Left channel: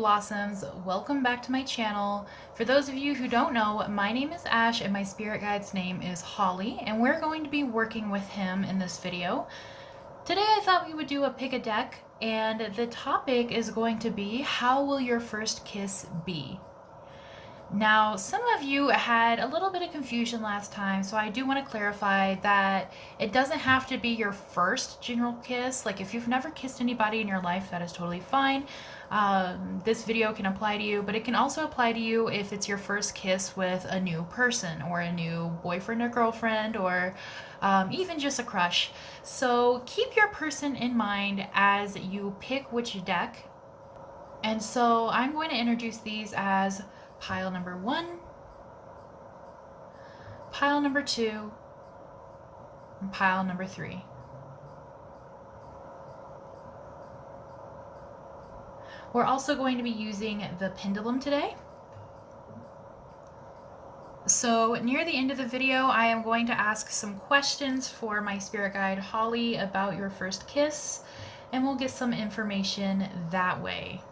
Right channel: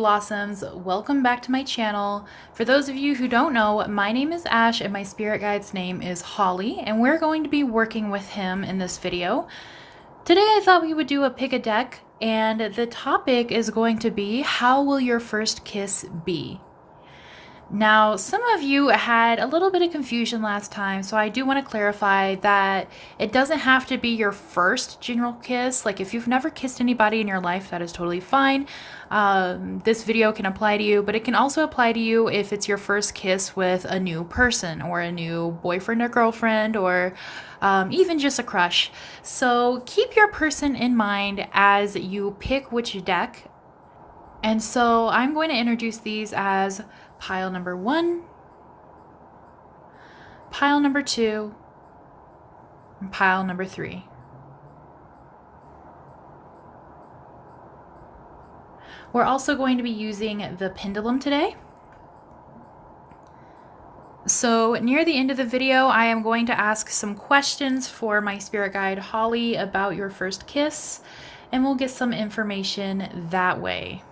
Blossoms, welcome back to my channel. For those of you who don't know, my name is Ash and my spirit guide's name is Holly, and we're going to be working with him in this video. Today I thought we would do a pick a deck, and the topic is going to be, how will your first kiss be? Now, some of you had a little bit of confusion last time, so I do want to clarify that it doesn't have to be your first general kiss. Like, if you've never kissed anybody in your life, that is totally fine. This video can apply to you, but it can also apply to you if it's your first kiss with a new person or a new boyfriend or girlfriend, or even just a crush. So keep your person in mind as you pick which deck. And so I'm going to introduce these as pile number 1, pile number 2, and pile number 3. We're also going to be using the pendulum today. So near the end of the video, I am going to ask some questions for my spirit guide Holly about your first kiss, and we'll get some information that way.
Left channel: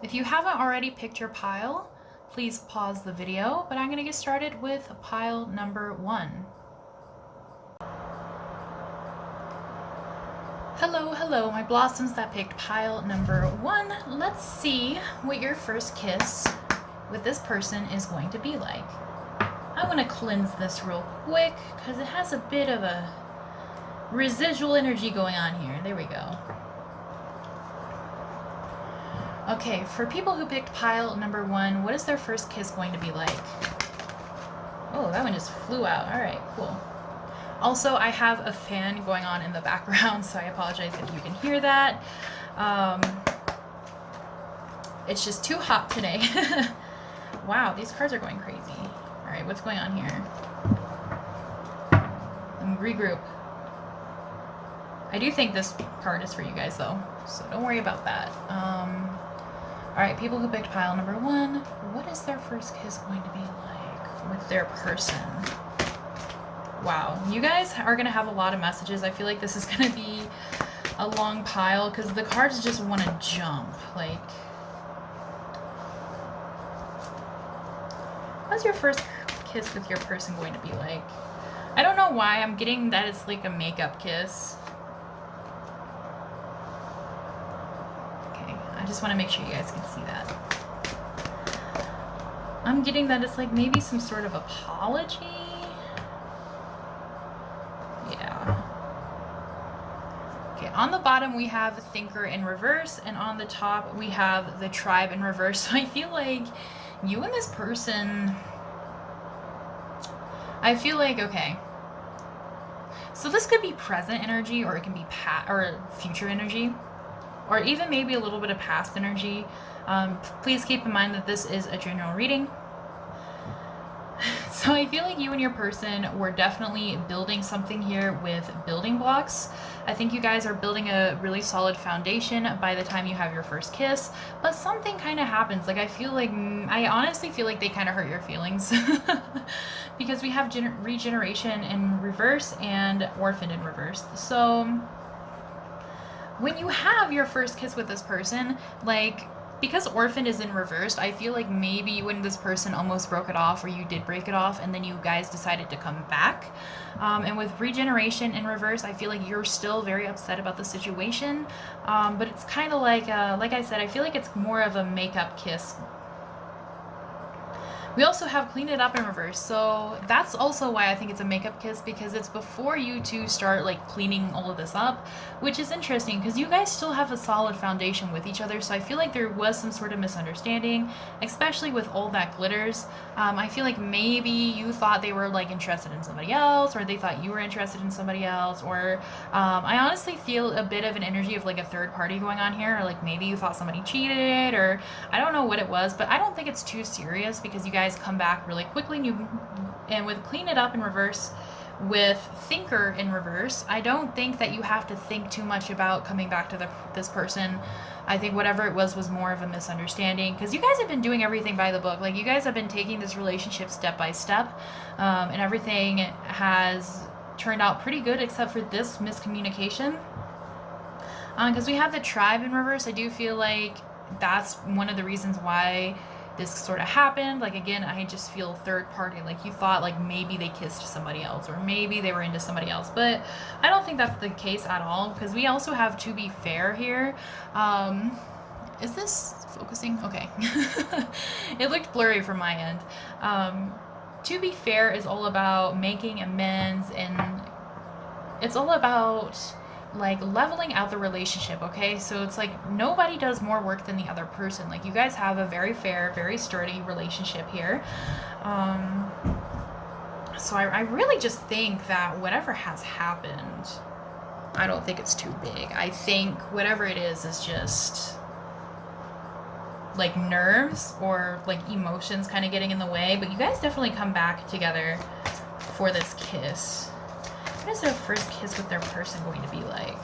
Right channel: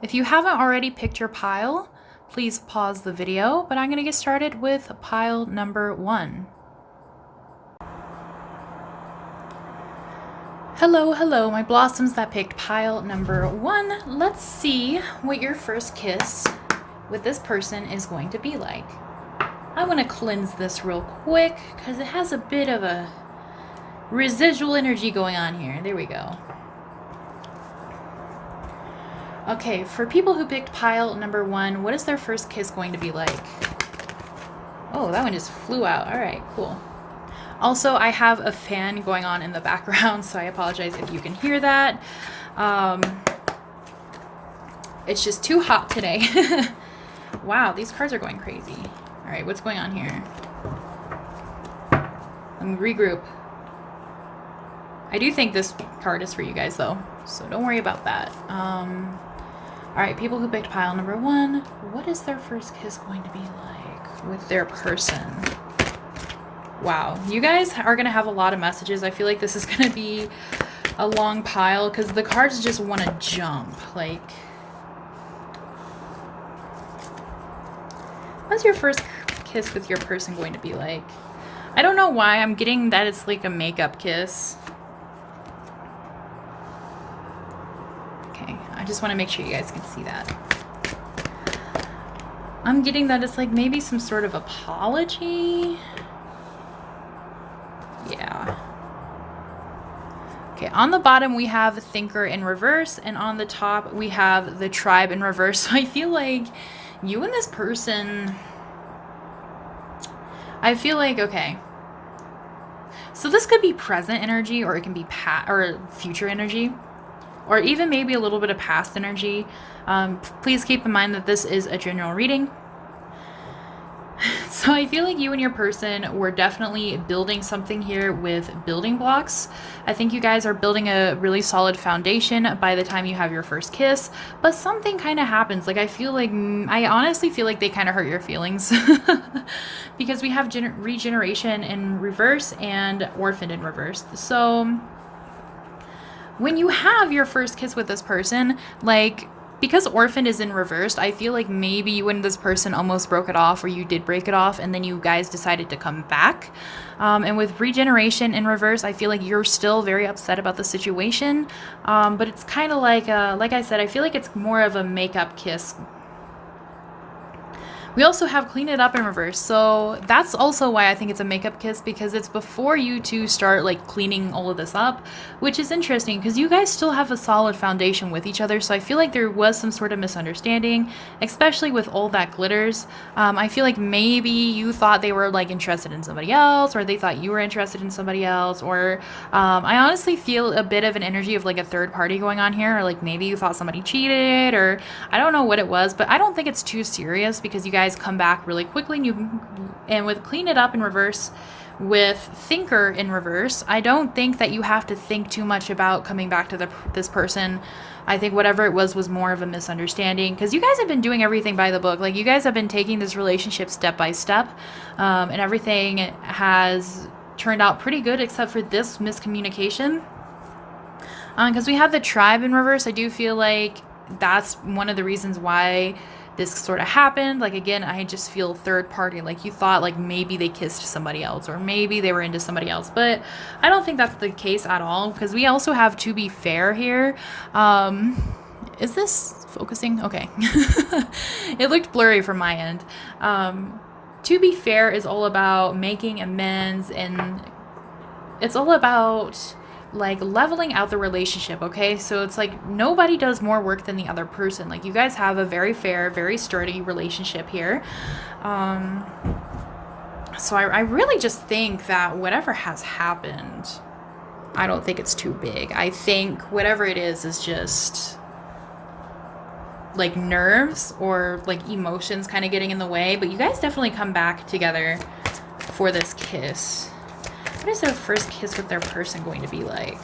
If you haven't already picked your pile, please pause the video, but I'm going to get started with pile number 1. Hello, my blossoms that picked pile number 1. Let's see what your first kiss with this person is going to be like. I want to cleanse this real quick because it has a bit of a residual energy going on here. There we go. Okay, for people who picked pile number 1, what is their first kiss going to be like? Oh, that one just flew out. All right, cool. Also, I have a fan going on in the background, so I apologize if you can hear that. It's just too hot today. Wow, these cards are going crazy. All right, what's going on here? Let me regroup. I do think this card is for you guys, though, so don't worry about that. All right, people who picked pile number 1, what is their first kiss going to be like with their person? Wow, you guys are going to have a lot of messages. I feel like this is going to be a long pile because the cards just want to jump. Like, what's your first kiss with your person going to be like? I don't know why I'm getting that it's like a makeup kiss. I just want to make sure you guys can see that. I'm getting that it's like maybe some sort of apology. Yeah. Okay, on the bottom we have Thinker in reverse, and on the top we have the Tribe in reverse. So I feel like you and this person, I feel like, okay. So this could be present energy, or it can be future energy, or even maybe a little bit of past energy. Please keep in mind that this is a general reading. So I feel like you and your person were definitely building something here with building blocks. I think you guys are building a really solid foundation by the time you have your first kiss, but something kind of happens. Like, I feel like, I honestly feel like they kind of hurt your feelings because we have regeneration in reverse and orphaned in reverse. So when you have your first kiss with this person, like, because orphaned is in reversed, I feel like maybe you and this person almost broke it off, or you did break it off, and then you guys decided to come back. And with regeneration in reverse, I feel like you're still very upset about the situation. But it's kind of like I said, I feel like it's more of a makeup kiss. We also have Clean It Up in reverse, so that's also why I think it's a makeup kiss, because it's before you two start like cleaning all of this up, which is interesting because you guys still have a solid foundation with each other. So I feel like there was some sort of misunderstanding, especially with all that glitters. I feel like maybe you thought they were like interested in somebody else, or they thought you were interested in somebody else, or I honestly feel a bit of an energy of like a third party going on here, or like maybe you thought somebody cheated, or I don't know what it was, but I don't think it's too serious because you guys come back really quickly. And with Clean It Up in reverse, with Thinker in reverse, I don't think that you have to think too much about coming back to this person. I think whatever it was more of a misunderstanding, because you guys have been doing everything by the book. Like, you guys have been taking this relationship step by step, and everything has turned out pretty good, except for this miscommunication. Because we have the tribe in reverse. I do feel like that's one of the reasons why this sort of happened. Like, again, I just feel third party. Like, you thought like maybe they kissed somebody else, or maybe they were into somebody else, but I don't think that's the case at all, because we also have to be fair here. Is this focusing? Okay. It looked blurry from my end. To be fair is all about making amends, and it's all about like leveling out the relationship, okay? So it's like nobody does more work than the other person. Like, you guys have a very fair, very sturdy relationship here. So I really just think that whatever has happened, I don't think it's too big. I think whatever it is just like nerves or like emotions kind of getting in the way, but you guys definitely come back together for this kiss. What is their first kiss with their person going to be like?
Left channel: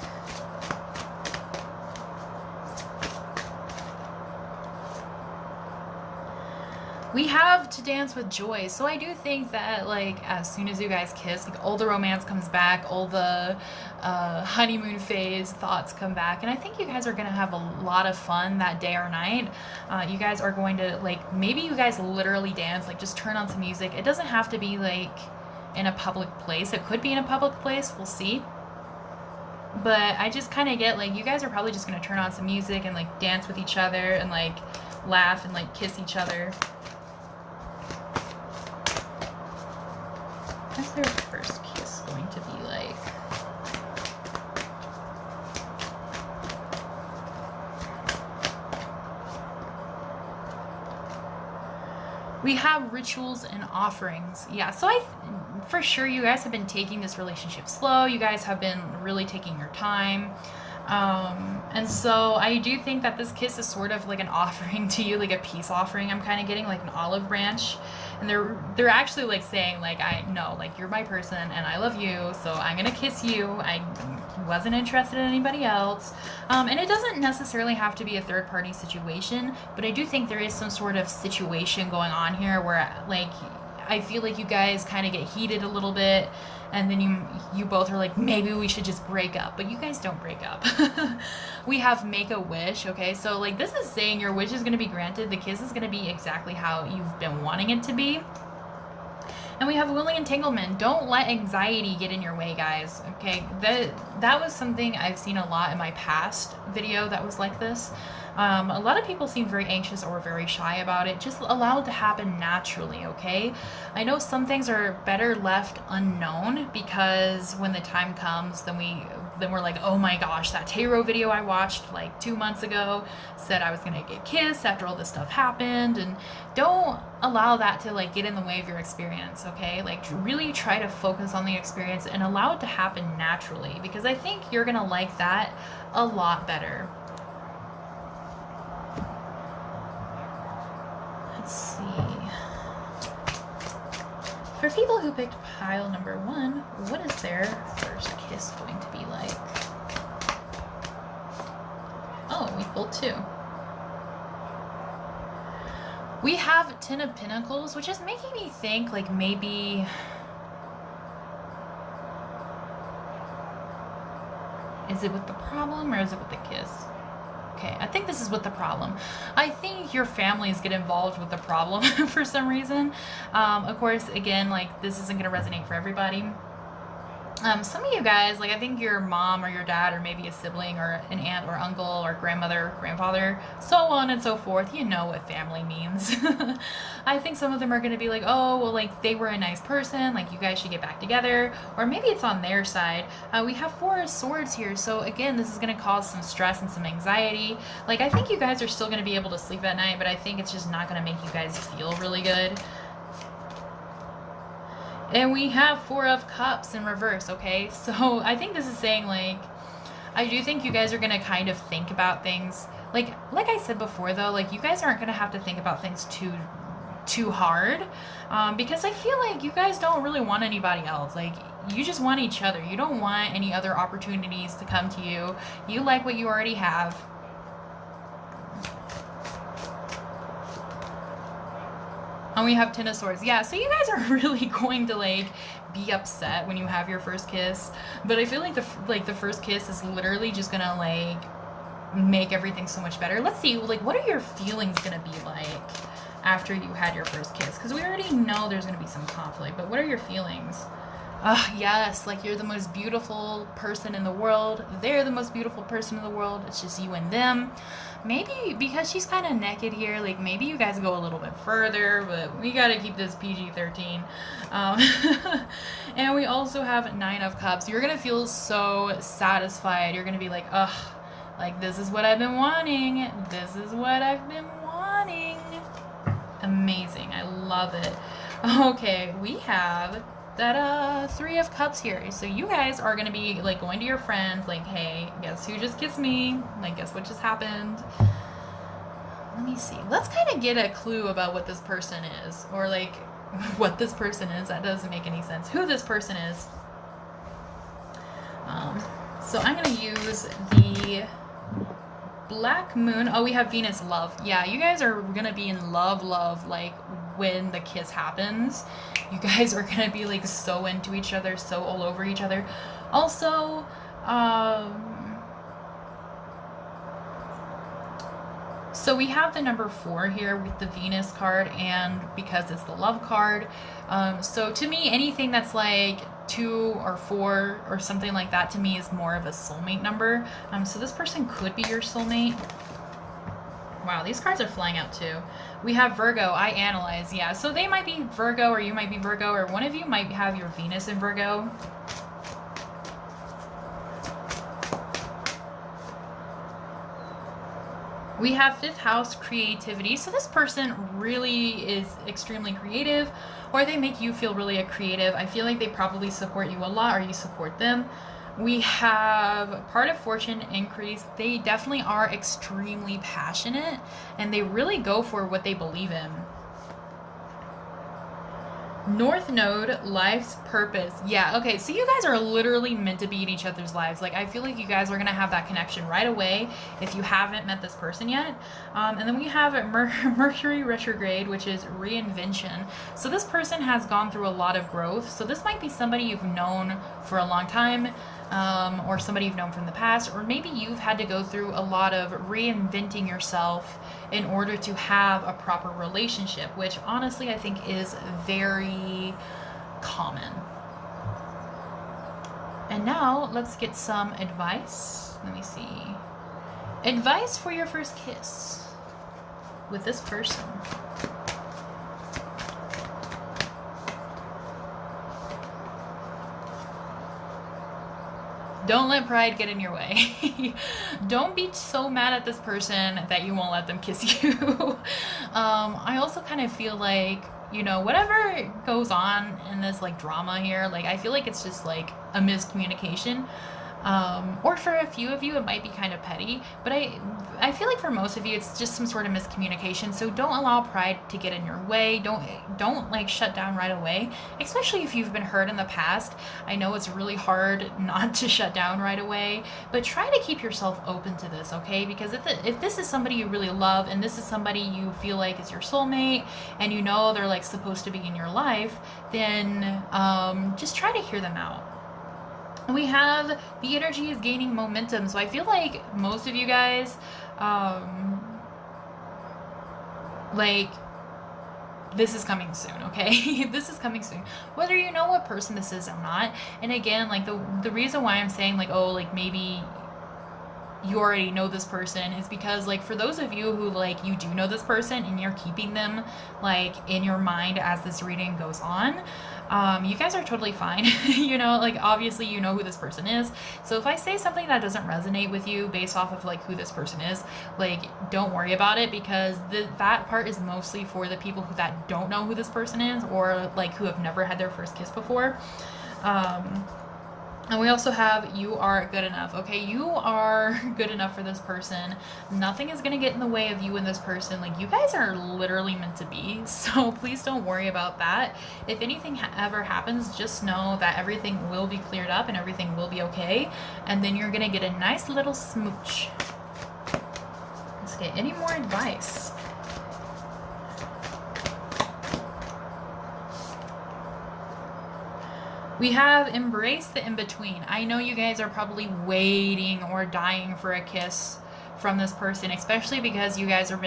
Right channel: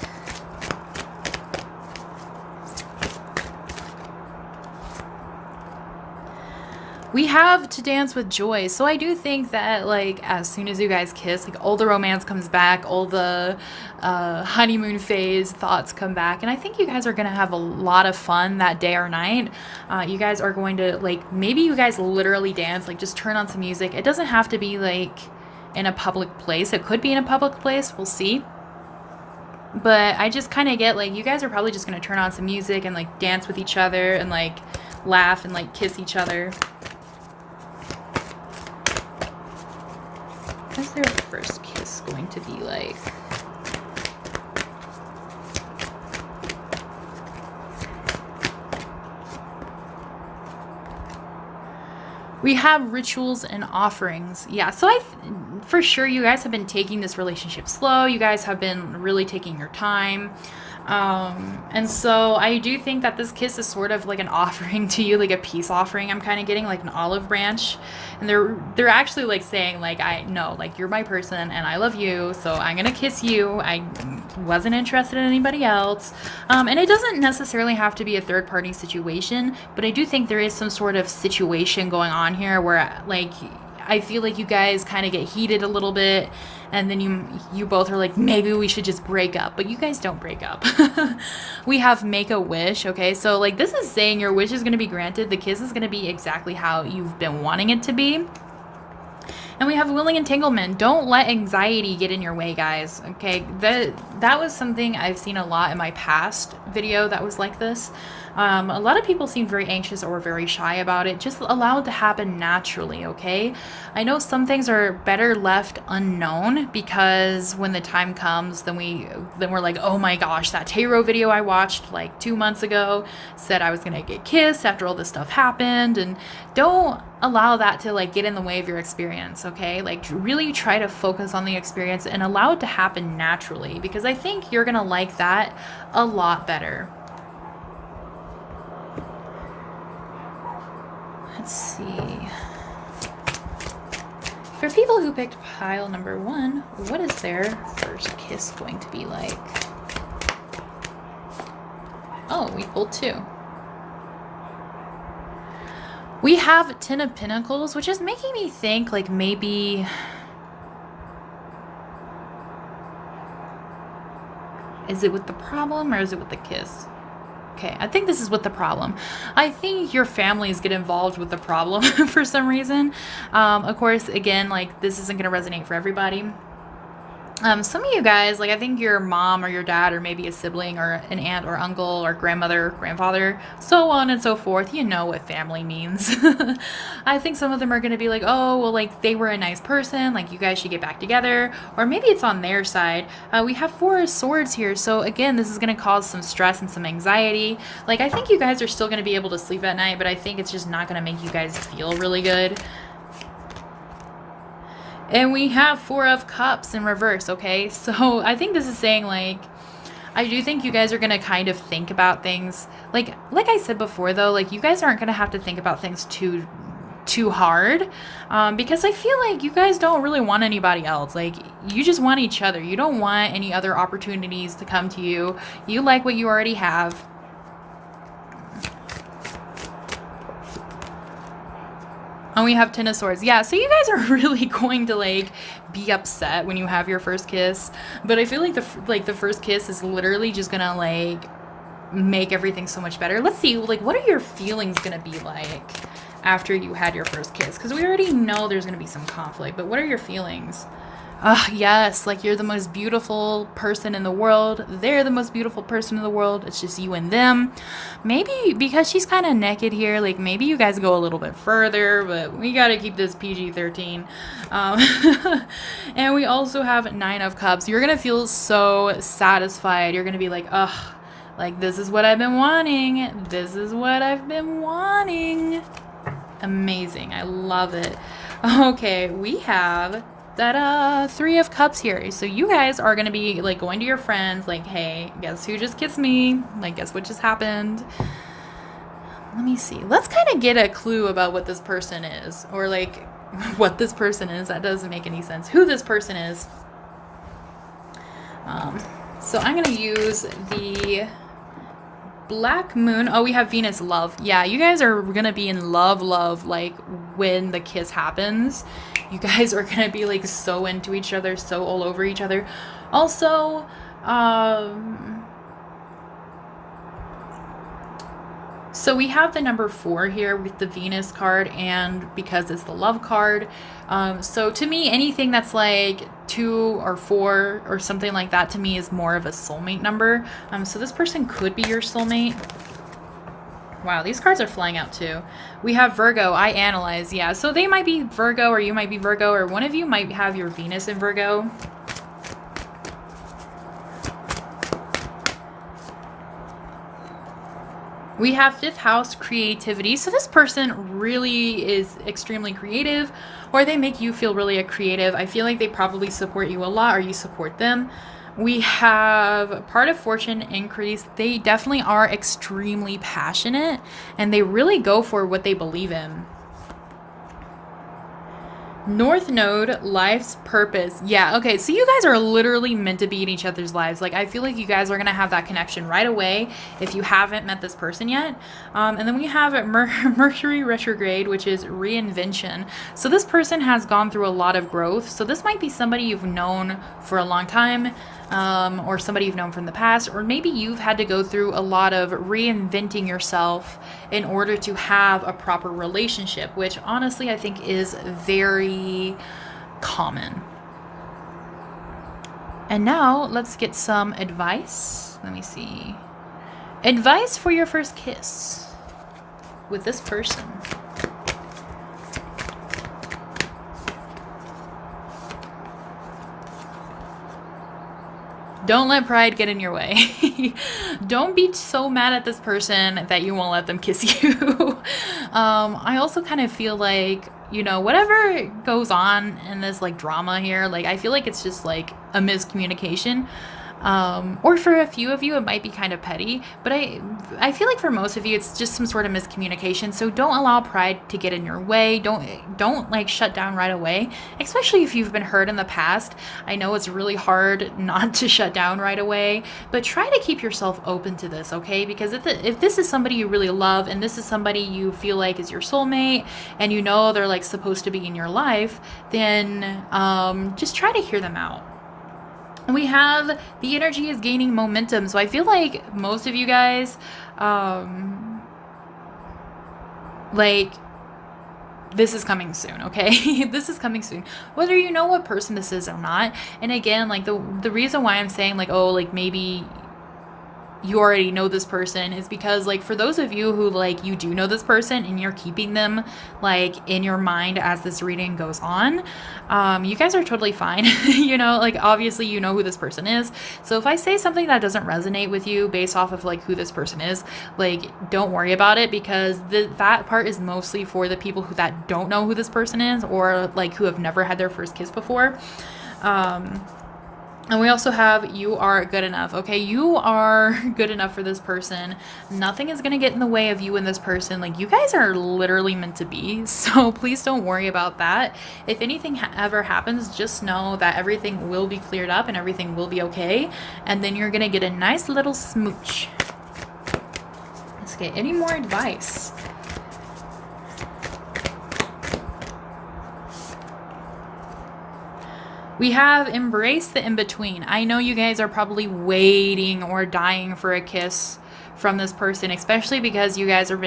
We have to dance with joy. So I do think that, like, as soon as you guys kiss, like, all the romance comes back, all the honeymoon phase thoughts come back. And I think you guys are going to have a lot of fun that day or night. You guys are going to, like, maybe you guys literally dance, like, just turn on some music. It doesn't have to be, like, in a public place. It could be in a public place. We'll see. But I just kind of get, like, you guys are probably just going to turn on some music and, like, dance with each other and, like, laugh and, like, kiss each other. What's their first kiss going to be like? We have rituals and offerings. Yeah, so for sure you guys have been taking this relationship slow. You guys have been really taking your time. And so I do think that this kiss is sort of like an offering to you, like a peace offering. I'm kind of getting like an olive branch, and they're actually like saying like, I know, like, you're my person and I love you, so I'm gonna kiss you. I wasn't interested in anybody else. And it doesn't necessarily have to be a third party situation, but I do think there is some sort of situation going on here where, like, I feel like you guys kind of get heated a little bit, and then you both are like, maybe we should just break up, but you guys don't break up. We have make a wish, okay? So, like, this is saying your wish is going to be granted. The kiss is going to be exactly how you've been wanting it to be. And we have willing entanglement. Don't let anxiety get in your way, guys, okay? That was something I've seen a lot in my past video that was like this. A lot of people seem very anxious or very shy about it. Just allow it to happen naturally, okay? I know some things are better left unknown, because when the time comes, then we're like, oh my gosh, that tarot video I watched like 2 months ago said I was gonna get kissed after all this stuff happened. And don't allow that to like get in the way of your experience, okay? Like, really try to focus on the experience and allow it to happen naturally, because I think you're gonna like that a lot better. Let's see. For people who picked pile number 1, what is their first kiss going to be like? Oh, we pulled 2. We have 10 of Pentacles, which is making me think like maybe... Is it with the problem or is it with the kiss? Okay, I think this is with the problem. I think your families get involved with the problem for some reason. Of course, again, like, this isn't going to resonate for everybody. Some of you guys, like, I think your mom or your dad or maybe a sibling or an aunt or uncle or grandmother, grandfather, so on and so forth, you know what family means. I think some of them are going to be like, oh, well, like, they were a nice person, like, you guys should get back together, or maybe it's on their side. We have 4 of Swords here, so again, this is going to cause some stress and some anxiety. Like, I think you guys are still going to be able to sleep at night, but I think it's just not going to make you guys feel really good. And we have 4 of Cups in reverse, okay? So I think this is saying, like, I do think you guys are going to kind of think about things. Like I said before, though, like, you guys aren't going to have to think about things too hard. Because I feel like you guys don't really want anybody else. Like, you just want each other. You don't want any other opportunities to come to you. You like what you already have. And we have Ten of Swords. Yeah, so you guys are really going to like be upset when you have your first kiss. But I feel like the first kiss is literally just gonna like make everything so much better. Let's see, like, what are your feelings gonna be like after you had your first kiss? Because we already know there's gonna be some conflict, but what are your feelings? Yes, like you're the most beautiful person in the world. They're the most beautiful person in the world. It's just you and them. Maybe because she's kind of naked here, like maybe you guys go a little bit further, but we got to keep this PG-13. And we also have Nine of Cups. You're going to feel so satisfied. You're going to be like, ugh, like this is what I've been wanting. This is what I've been wanting. Amazing. I love it. Okay, we have that Three of Cups here. So you guys are gonna be like going to your friends like, hey, guess who just kissed me? Like, guess what just happened? Let me see. Let's kind of get a clue about what this person is, or like what this person is. That doesn't make any sense. Who this person is. So I'm gonna use the Black Moon. Oh, we have Venus Love. Yeah, you guys are gonna be in love, like when the kiss happens. You guys are gonna be like so into each other, so all over each other. Also, so we have the number 4 here with the Venus card, and because it's the love card. So to me, anything that's like 2 or 4 or something like that to me is more of a soulmate number. So this person could be your soulmate. Wow, these cards are flying out too. We have Virgo. I analyze. Yeah, so they might be Virgo, or you might be Virgo, or one of you might have your Venus in Virgo. We have 5th house, creativity. So this person really is extremely creative, or they make you feel really creative. I feel like they probably support you a lot, or you support them. We have part of fortune, increase. They definitely are extremely passionate, and they really go for what they believe in. North Node, life's purpose. Yeah, okay, so you guys are literally meant to be in each other's lives. Like, I feel like you guys are going to have that connection right away if you haven't met this person yet. And then we have Mercury retrograde, which is reinvention. So this person has gone through a lot of growth. So this might be somebody you've known for a long time, or somebody you've known from the past, or maybe you've had to go through a lot of reinventing yourself in order to have a proper relationship, which honestly I think is very common. And now let's get some advice. Let me see. Advice for your first kiss with this person. Don't let pride get in your way. Don't be so mad at this person that you won't let them kiss you. I also kind of feel like, you know, whatever goes on in this like drama here, like I feel like it's just like a miscommunication. Or for a few of you, it might be kind of petty, but I feel like for most of you, it's just some sort of miscommunication. So don't allow pride to get in your way. Don't like shut down right away, especially if you've been hurt in the past. I know it's really hard not to shut down right away, but try to keep yourself open to this, okay? Because if this is somebody you really love, and this is somebody you feel like is your soulmate, and you know they're like supposed to be in your life, then just try to hear them out. We have the energy is gaining momentum. So I feel like most of you guys, like this is coming soon, okay? This is coming soon. Whether you know what person this is or not. And again, like the reason why I'm saying like, oh, like maybe you already know this person is because like for those of you who like you do know this person and you're keeping them like in your mind as this reading goes on, you guys are totally fine. You know, like obviously you know who this person is. So if I say something that doesn't resonate with you based off of like who this person is, like don't worry about it, because that part is mostly for the people that don't know who this person is, or like who have never had their first kiss before. And we also have you are good enough. Okay, you are good enough for this person. Nothing is going to get in the way of you and this person. Like you guys are literally meant to be. So please don't worry about that. If anything ever happens, just know that everything will be cleared up and everything will be okay. And then you're going to get a nice little smooch. Let's get any more advice. We have embraced the in-between. I know you guys are probably waiting or dying for a kiss from this person, especially because you guys have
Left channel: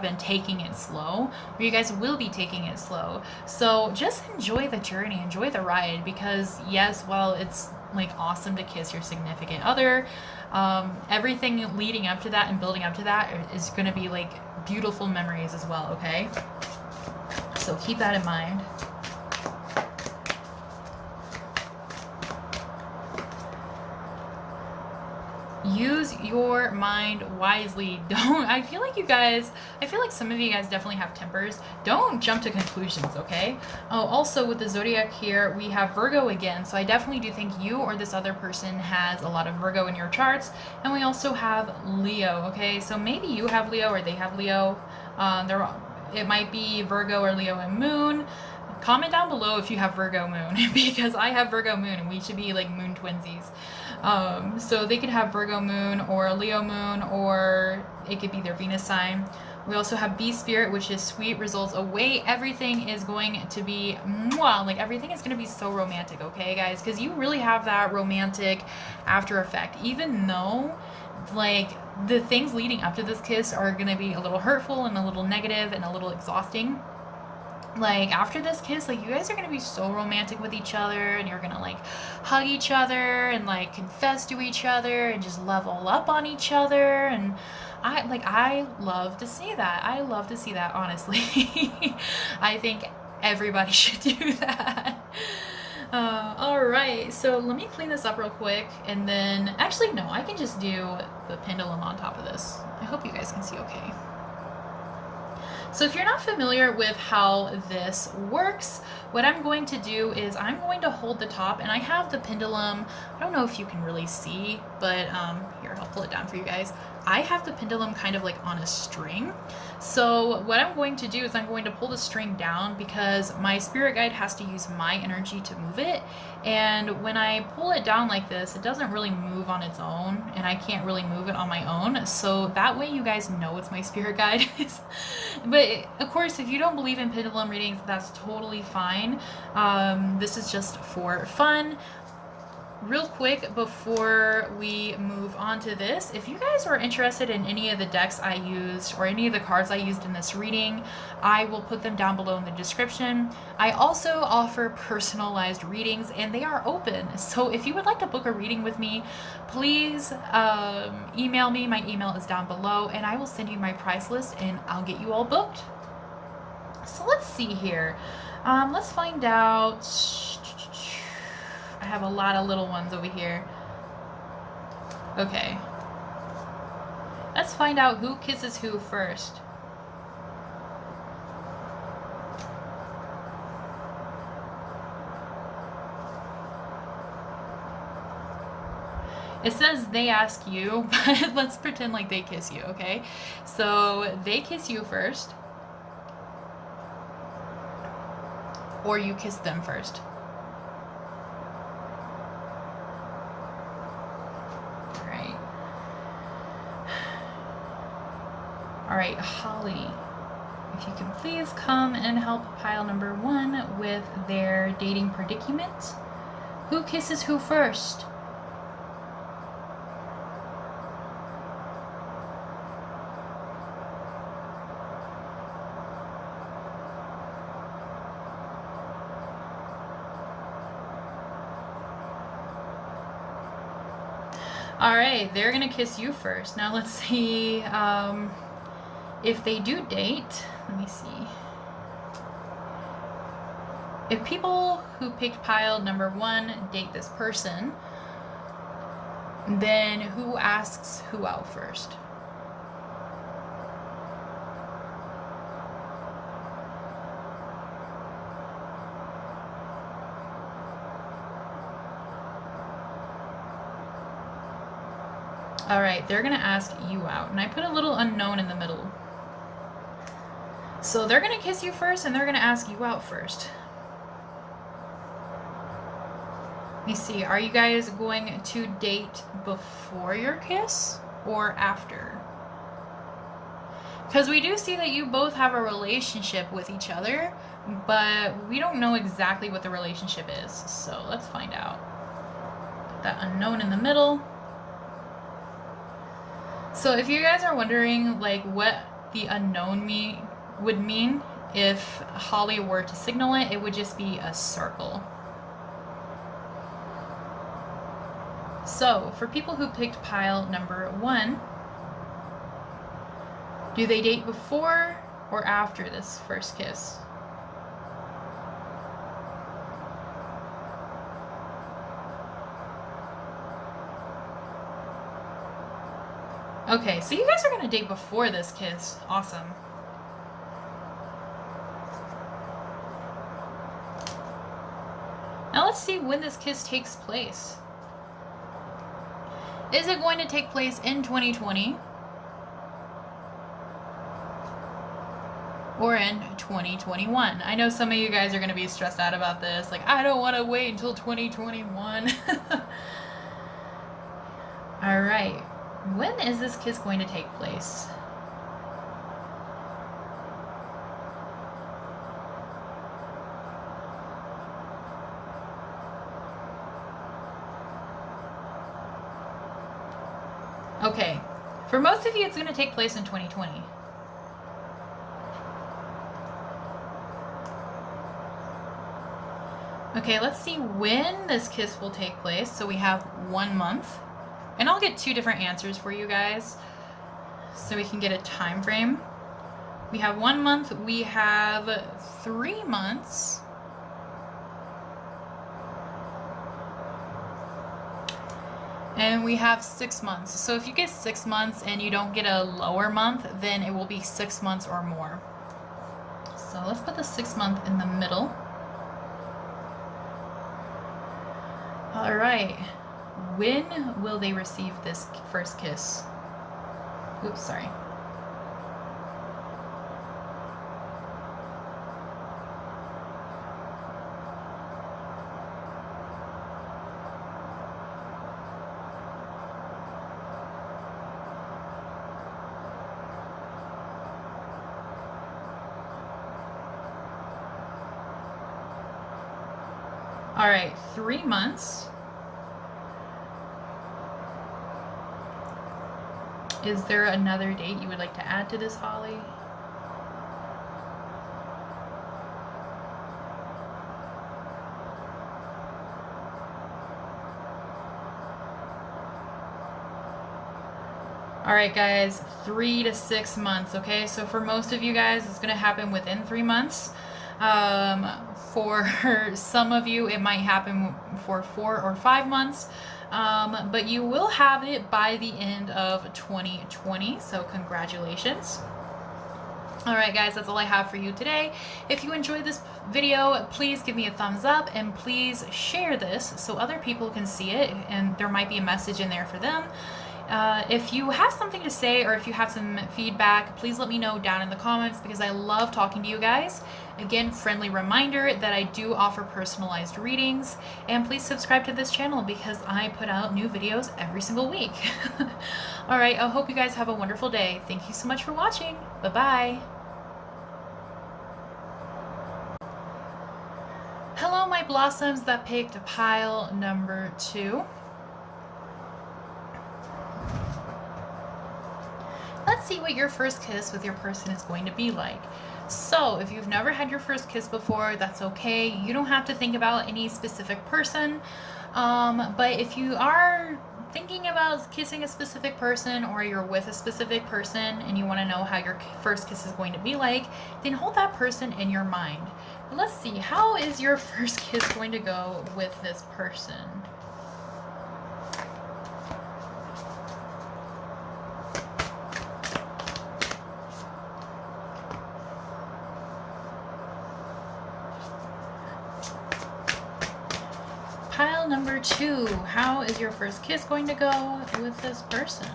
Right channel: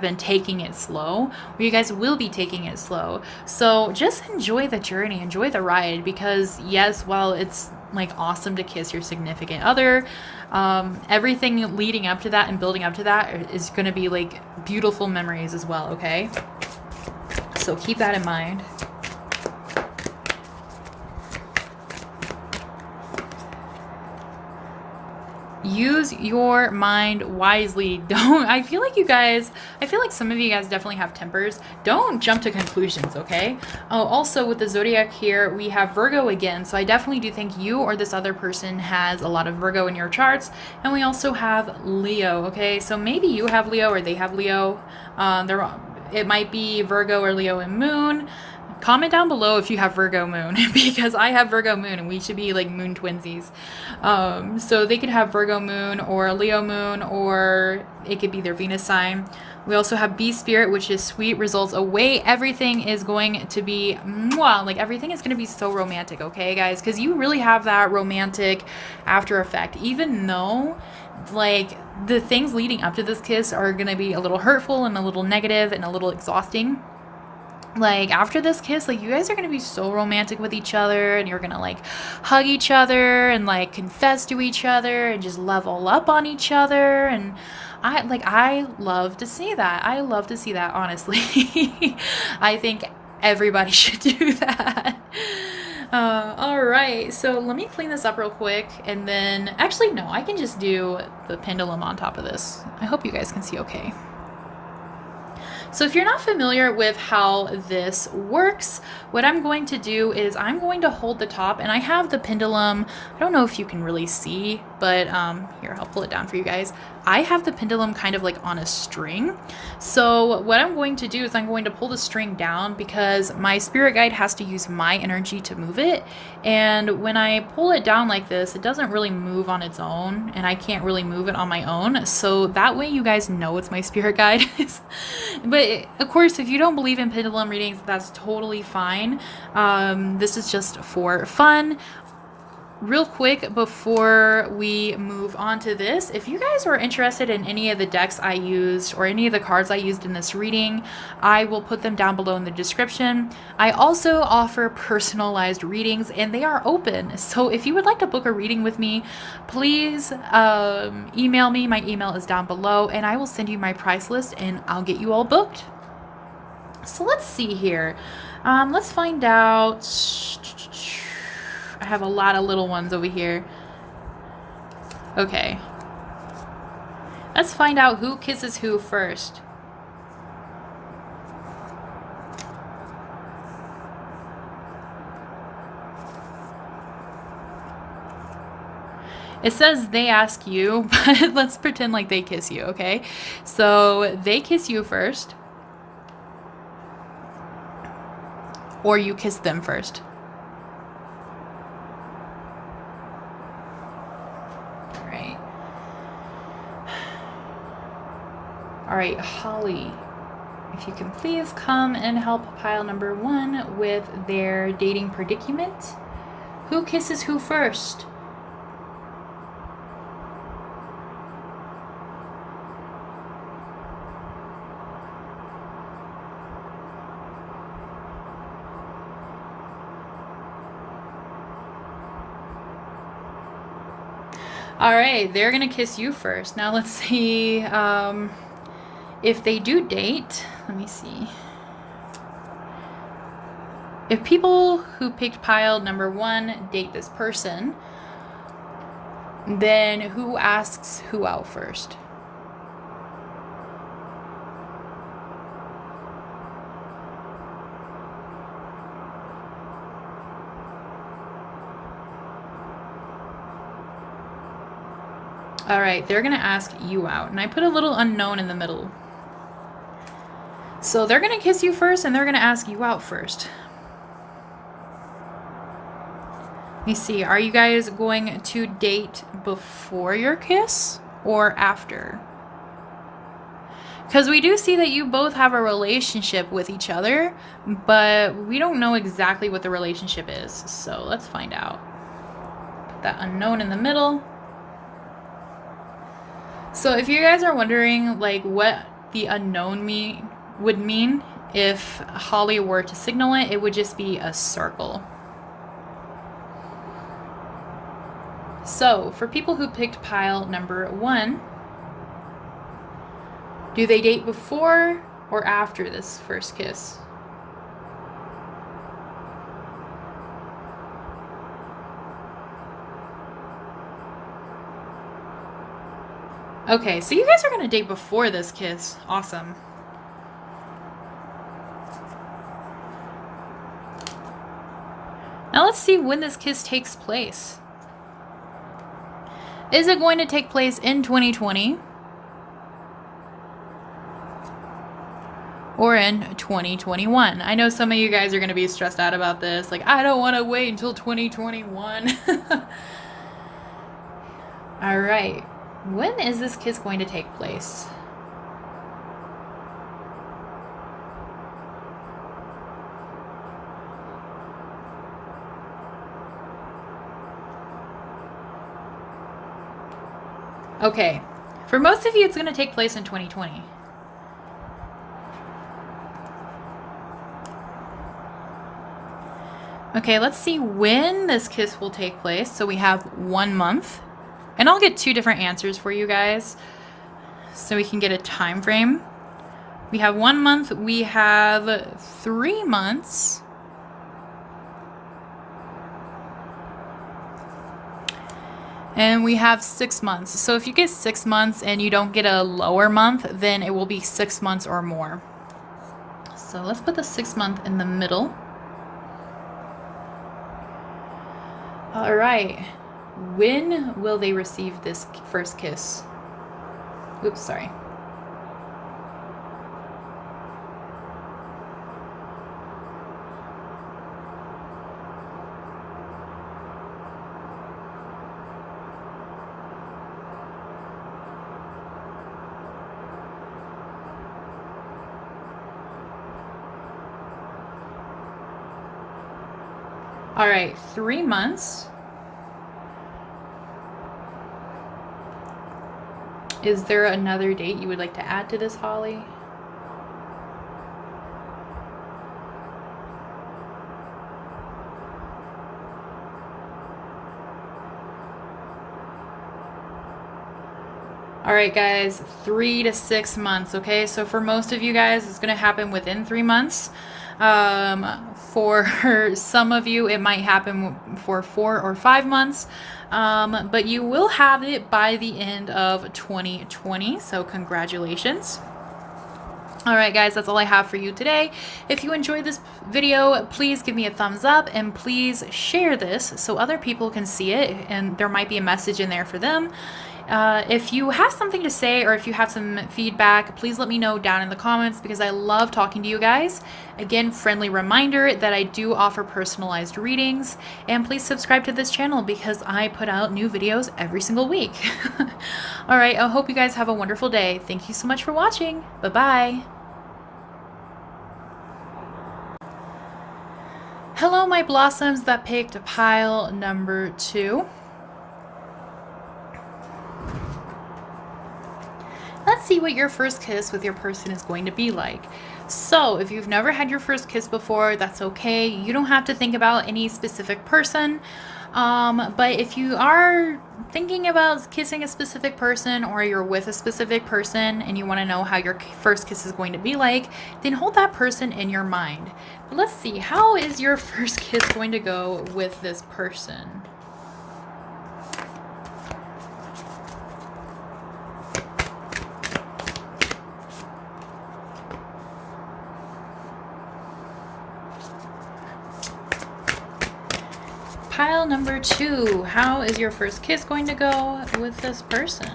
been taking it slow, or you guys will be taking it slow. So just enjoy the journey, enjoy the ride, because yes, while it's like awesome to kiss your significant other, everything leading up to that and building up to that is going to be like beautiful memories as well, okay? So keep that in mind. Use your mind wisely. I feel like some of you guys definitely have tempers. Don't jump to conclusions, okay? Oh, also with the zodiac here, we have Virgo again. So I definitely do think you or this other person has a lot of Virgo in your charts. And we also have Leo, okay? So maybe you have Leo or they have Leo. It might be Virgo or Leo and Moon. Comment down below if you have Virgo moon, because I have Virgo moon and we should be like moon twinsies. So they could have Virgo moon or Leo moon, or it could be their Venus sign. We also have B spirit, which is sweet results await. Everything is going to be mwah, like everything is going to be so romantic, okay guys? Because you really have that romantic after effect, even though like the things leading up to this kiss are going to be a little hurtful and a little negative and a little exhausting. Like after this kiss, like you guys are gonna be so romantic with each other, and you're gonna like hug each other and like confess to each other and just level up on each other. And I love to see that. I love to see that, honestly. I think everybody should do that. All right, so let me clean this up real quick, and then actually no, I can just do the pendulum on top of this. I hope you guys can see okay. So if you're not familiar with how this works, what I'm going to do is I'm going to hold the top, and I have the pendulum. I don't know if you can really see, but here, I'll pull it down for you guys. I have the pendulum kind of like on a string. So what I'm going to do is I'm going to pull the string down because my spirit guide has to use my energy to move it. And when I pull it down like this, it doesn't really move on its own, and I can't really move it on my own. So that way you guys know it's my spirit guide. But of course, if you don't believe in pendulum readings, that's totally fine. This is just for fun. Real quick before we move on to this, if you guys are interested in any of the decks I used or any of the cards I used in this reading, I will put them down below in the description. I also offer personalized readings, and they are open. So if you would like to book a reading with me, please email me. My email is down below, and I will send you my price list and I'll get you all booked. So let's see here. Let's find out. I have a lot of little ones over here. Okay. Let's find out who kisses who first. It says they ask you, but let's pretend like they kiss you, okay? So they kiss you first. Or you kiss them first. All right, Holly, if you can please come and help pile number 1 with their dating predicament. Who kisses who first? All right, they're gonna kiss you first. Now let's see. If they do date, let me see. If people who picked pile number 1 date this person, then who asks who out first? All right, they're gonna ask you out, and I put a little unknown in the middle. So they're gonna kiss you first, and they're gonna ask you out first. Let me see, are you guys going to date before your kiss or after? Because we do see that you both have a relationship with each other, but we don't know exactly what the relationship is. So let's find out. Put that unknown in the middle. So if you guys are wondering like what the unknown would mean if Holly were to signal it, it would just be a circle. So for people who picked pile number 1, do they date before or after this first kiss? Okay, so you guys are going to date before this kiss. Awesome. Now let's see when this kiss takes place. Is it going to take place in 2020? Or in 2021? I know some of you guys are going to be stressed out about this. Like, I don't want to wait until 2021. All right. When is this kiss going to take place? Okay. For most of you, it's going to take place in 2020. Okay, let's see when this kiss will take place. So we have 1 month. And I'll get 2 different answers for you guys so we can get a time frame. We have 1 month, we have 3 months. And we have 6 months. So if you get 6 months and you don't get a lower month, then it will be 6 months or more. So let's put the 6 month in the middle. All right. When will they receive this first kiss? Oops, sorry. All right, 3 months. Is there another date you would like to add to this, Holly? All right, guys, 3 to 6 months, okay? So for most of you guys, it's going to happen within 3 months. For some of you, it might happen for 4 or 5 months. But you will have it by the end of 2020, so congratulations. All right, guys, that's all I have for you today. If you enjoyed this video, please give me a thumbs up and please share this so other people can see it and there might be a message in there for them. If you have something to say or if you have some feedback, please let me know down in the comments because I love talking to you guys. Again, friendly reminder that I do offer personalized readings, and please subscribe to this channel because I put out new videos every single week. All right, I hope you guys have a wonderful day. Thank you so much for watching. Bye-bye. Hello, my blossoms that picked pile number 2. Let's see what your first kiss with your person is going to be like. So if you've never had your first kiss before, that's okay. You don't have to think about any specific person. But if you are thinking about kissing a specific person or you're with a specific person and you want to know how your first kiss is going to be like, then hold that person in your mind. But let's see, how is your first kiss going to go with this person? Pile number 2, how is your first kiss going to go with this person?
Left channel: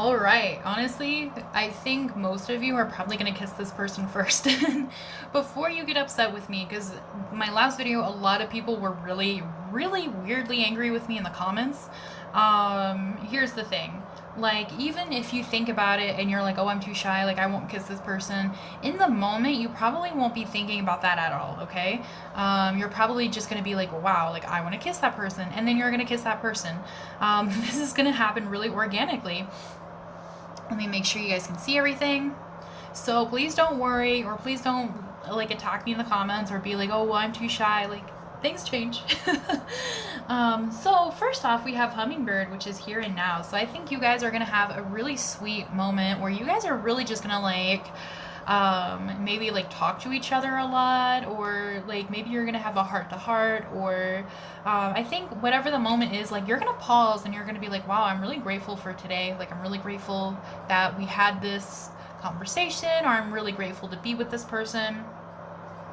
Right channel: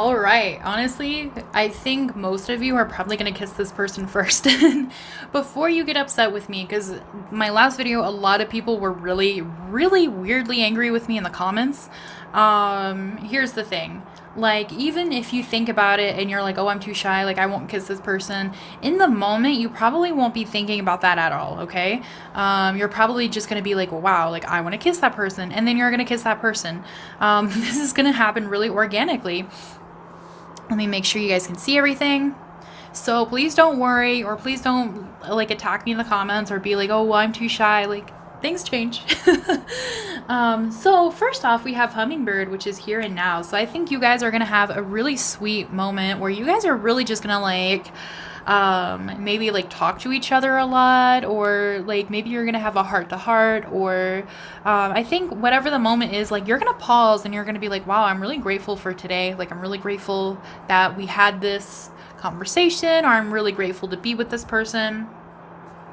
All right. Honestly, I think most of you are probably going to kiss this person first. Before you get upset with me, because my last video, a lot of people were really, really weirdly angry with me in the comments. Here's the thing. Like, even if you think about it and you're like, oh, I'm too shy, like, I won't kiss this person, in the moment, you probably won't be thinking about that at all, okay? You're probably just gonna be like, wow, like, I wanna kiss that person, and then you're gonna kiss that person. This is gonna happen really organically. Let me make sure you guys can see everything. So please don't worry, or please don't like attack me in the comments or be like, oh, well, I'm too shy. Like, things change. So first off, we have Hummingbird, which is here and now. So I think you guys are gonna have a really sweet moment where you guys are really just gonna like maybe like talk to each other a lot, or like maybe you're gonna have a heart to heart, or I think whatever the moment is, like, you're gonna pause and you're gonna be like, wow, I'm really grateful for today. Like, I'm really grateful that we had this conversation, or I'm really grateful to be with this person.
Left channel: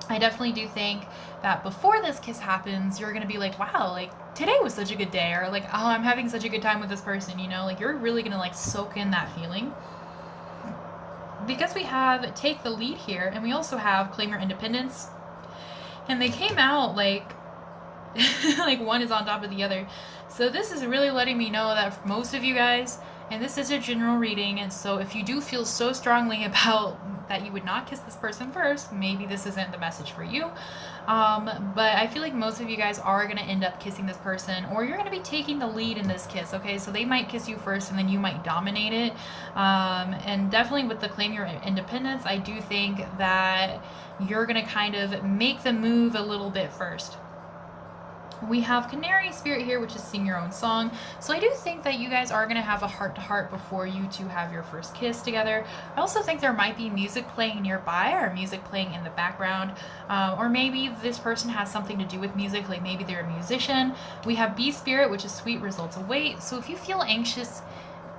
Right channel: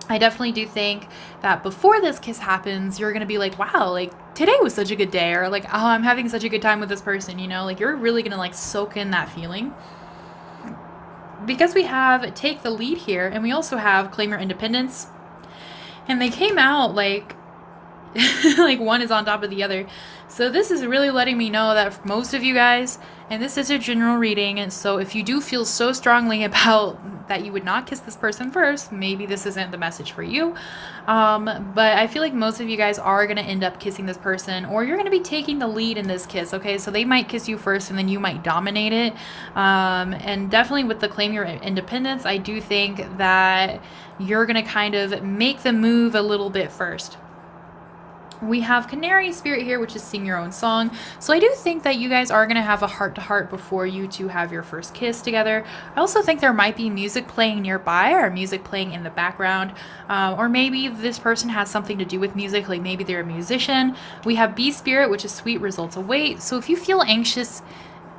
I definitely do think that before this kiss happens, you're gonna be like, wow, like, today was such a good day, or like, oh, I'm having such a good time with this person, you know? Like, you're really gonna like soak in that feeling. Because we have Take the Lead here, and we also have Claim Your Independence, and they came out like like one is on top of the other. So this is really letting me know that for most of you guys, and this is a general reading, and so if you do feel so strongly about that you would not kiss this person first, maybe this isn't the message for you. But I feel like most of you guys are going to end up kissing this person, or you're going to be taking the lead in this kiss, okay? So they might kiss you first, and then you might dominate it. And definitely with the Claim Your Independence, I do think that you're going to kind of make the move a little bit first. We have Canary Spirit here, which is Sing Your Own Song. So I do think that you guys are going to have a heart-to-heart before you two have your first kiss together. I also think there might be music playing nearby, or music playing in the background. Or maybe this person has something to do with music, like maybe they're a musician. We have Bee Spirit, which is Sweet Results Await. So if you feel anxious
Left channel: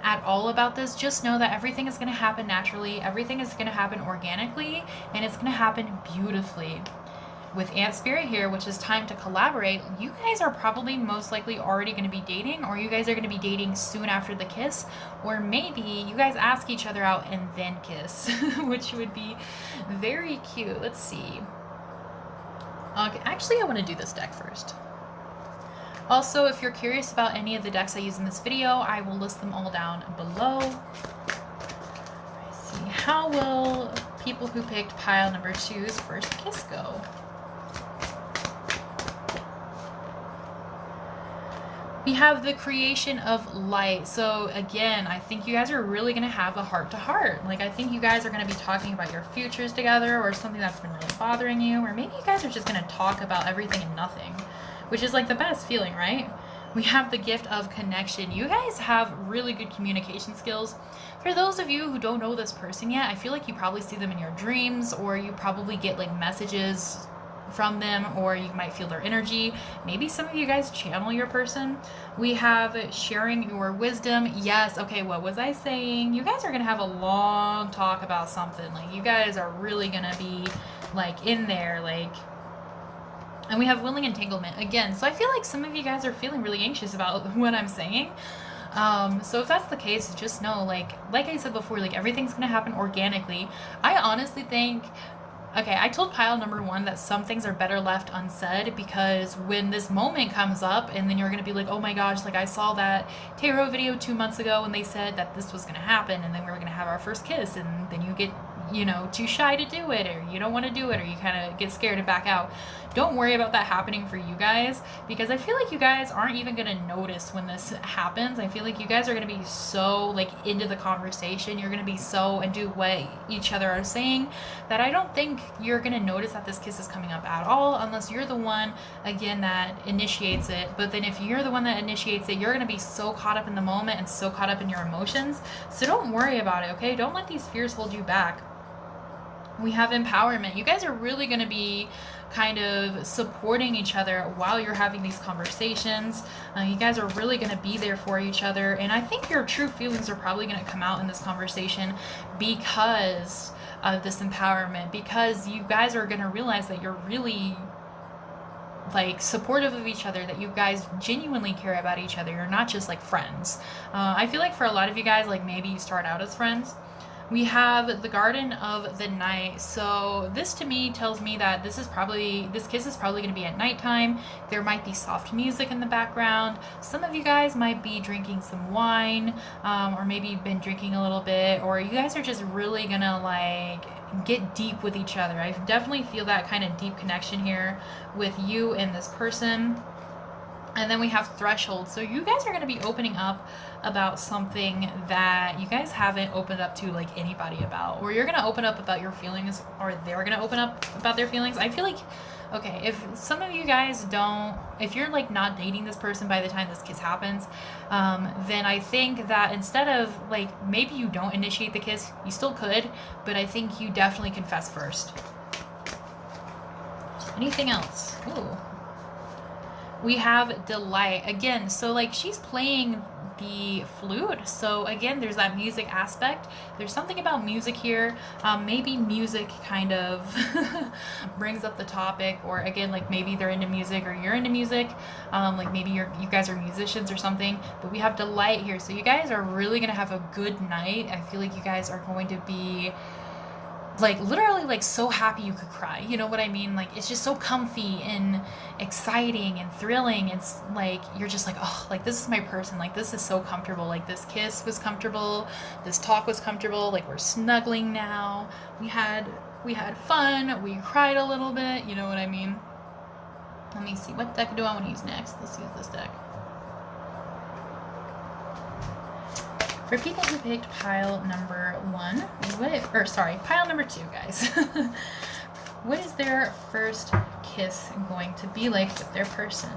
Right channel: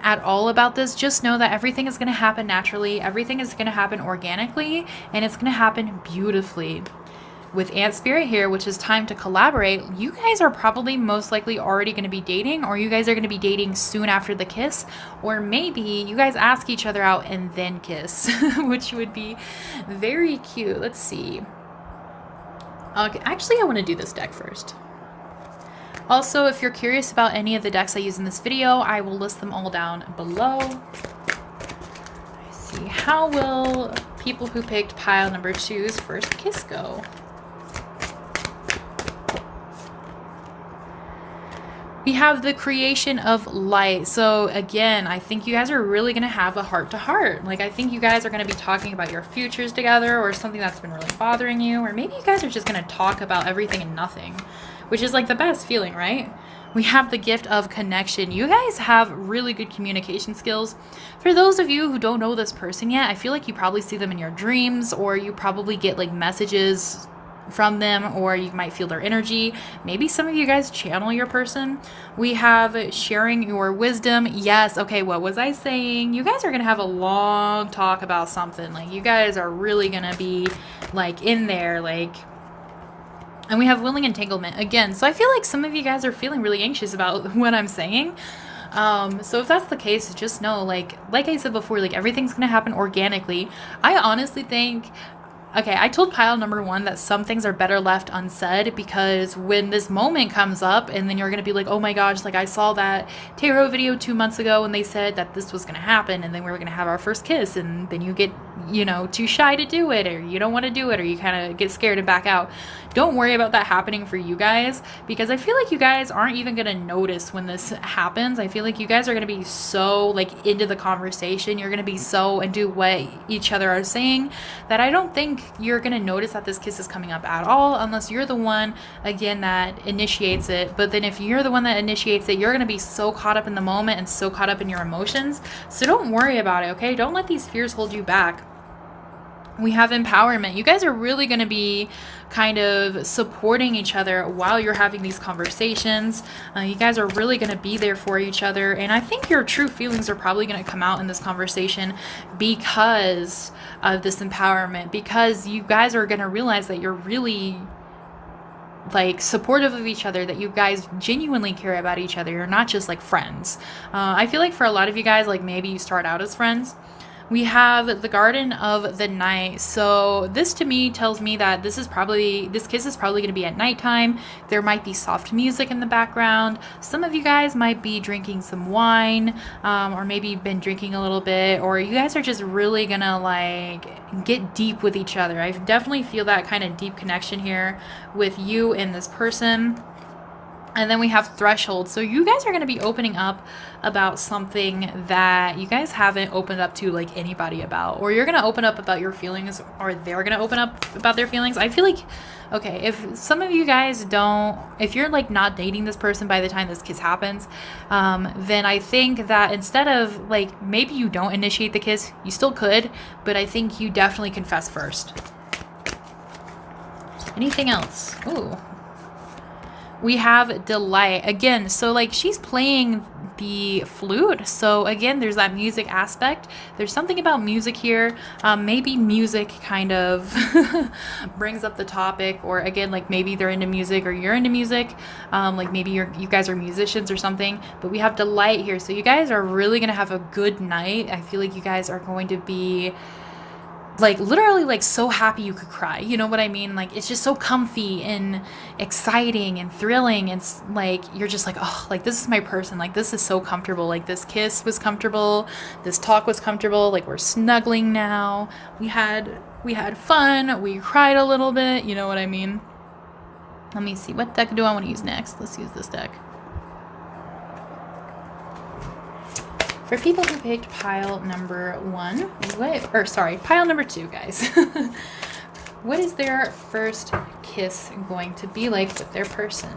at all about this, just know that everything is going to happen naturally. Everything is going to happen organically, and it's going to happen beautifully. With Ant Spirit here, which is Time to Collaborate, you guys are probably most likely already going to be dating, or you guys are going to be dating soon after the kiss, or maybe you guys ask each other out and then kiss, which would be very cute. Let's see. Okay, actually, I want to do this deck first. Also, if you're curious about any of the decks I use in this video, I will list them all down below. Let's see. How will people who picked pile number 2's first kiss go? We have the Creation of Light. So again, I think you guys are really going to have a heart-to-heart. Like, I think you guys are going to be talking about your futures together, or something that's been really bothering you, or maybe you guys are just going to talk about everything and nothing, which is like the best feeling, right? We have the Gift of Connection. You guys have really good communication skills. For those of you who don't know this person yet, I feel like you probably see them in your dreams, or you probably get like messages from them, or you might feel their energy. Maybe some of you guys channel your person. We have Sharing Your Wisdom. Yes, okay, what was I saying? You guys are gonna have a long talk about something. Like, you guys are really gonna be like in there, like. And we have Willing Entanglement again. So I feel like some of you guys are feeling really anxious about what I'm saying. So if that's the case, just know, like I said before, like, everything's gonna happen organically. I honestly think, okay, I told pile number 1 that some things are better left unsaid, because when this moment comes up, and then you're going to be like, oh my gosh, like, I saw that tarot video 2 months ago and they said that this was going to happen, and then we were going to have our first kiss, and then you get, you know, too shy to do it, or you don't want to do it, or you kind of get scared and back out. Don't worry about that happening for you guys, because I feel like you guys aren't even going to notice when this happens. I feel like you guys are going to be so, like, into the conversation. You're going to be so into what each other are saying that I don't think you're going to notice that this kiss is coming up at all, unless you're the one, again, that initiates it. But then if you're the one that initiates it, you're going to be so caught up in the moment and so caught up in your emotions. So don't worry about it, okay? Don't let these fears hold you back. We have Empowerment. You guys are really going to be kind of supporting each other while you're having these conversations. You guys are really going to be there for each other, and I think your true feelings are probably going to come out in this conversation because of this empowerment, because you guys are going to realize that you're really like supportive of each other, that you guys genuinely care about each other. You're not just like friends. I feel like for a lot of you guys, like maybe you start out as friends. We have the Garden of the Night. So this to me tells me that this kiss is probably going to be at nighttime. There might be soft music in the background. Some of you guys might be drinking some wine, or maybe you've been drinking a little bit, or you guys are just really going to like get deep with each other. I definitely feel that kind of deep connection here with you and this person. And then we have Threshold. So you guys are going to be opening up about something that you guys haven't opened up to like anybody about, or you're going to open up about your feelings, or they're going to open up about their feelings. I feel like, okay, if some of you guys if you're like not dating this person by the time this kiss happens, then I think that instead of like, maybe you don't initiate the kiss, you still could, but I think you definitely confess first. Anything else? Ooh. We have Delight again. So like she's playing the flute. So again, there's that music aspect. There's something about music here. Maybe music kind of brings up the topic, or again, like maybe they're into music or you're into music. Like maybe you guys are musicians or something, but we have Delight here. So you guys are really going to have a good night. I feel like you guys are going to be like literally like so happy you could cry. You know what I mean? Like it's just so comfy and exciting and thrilling. It's like you're just like, oh, like this is my person. Like this is so comfortable. Like this kiss was comfortable. This talk was comfortable. Like we're snuggling now. We had fun. We cried a little bit. You know what I mean? Let me see. What deck do I want to use next? Let's use this deck. For people who picked pile number 1, pile number 2, guys. What is their first kiss going to be like with their person?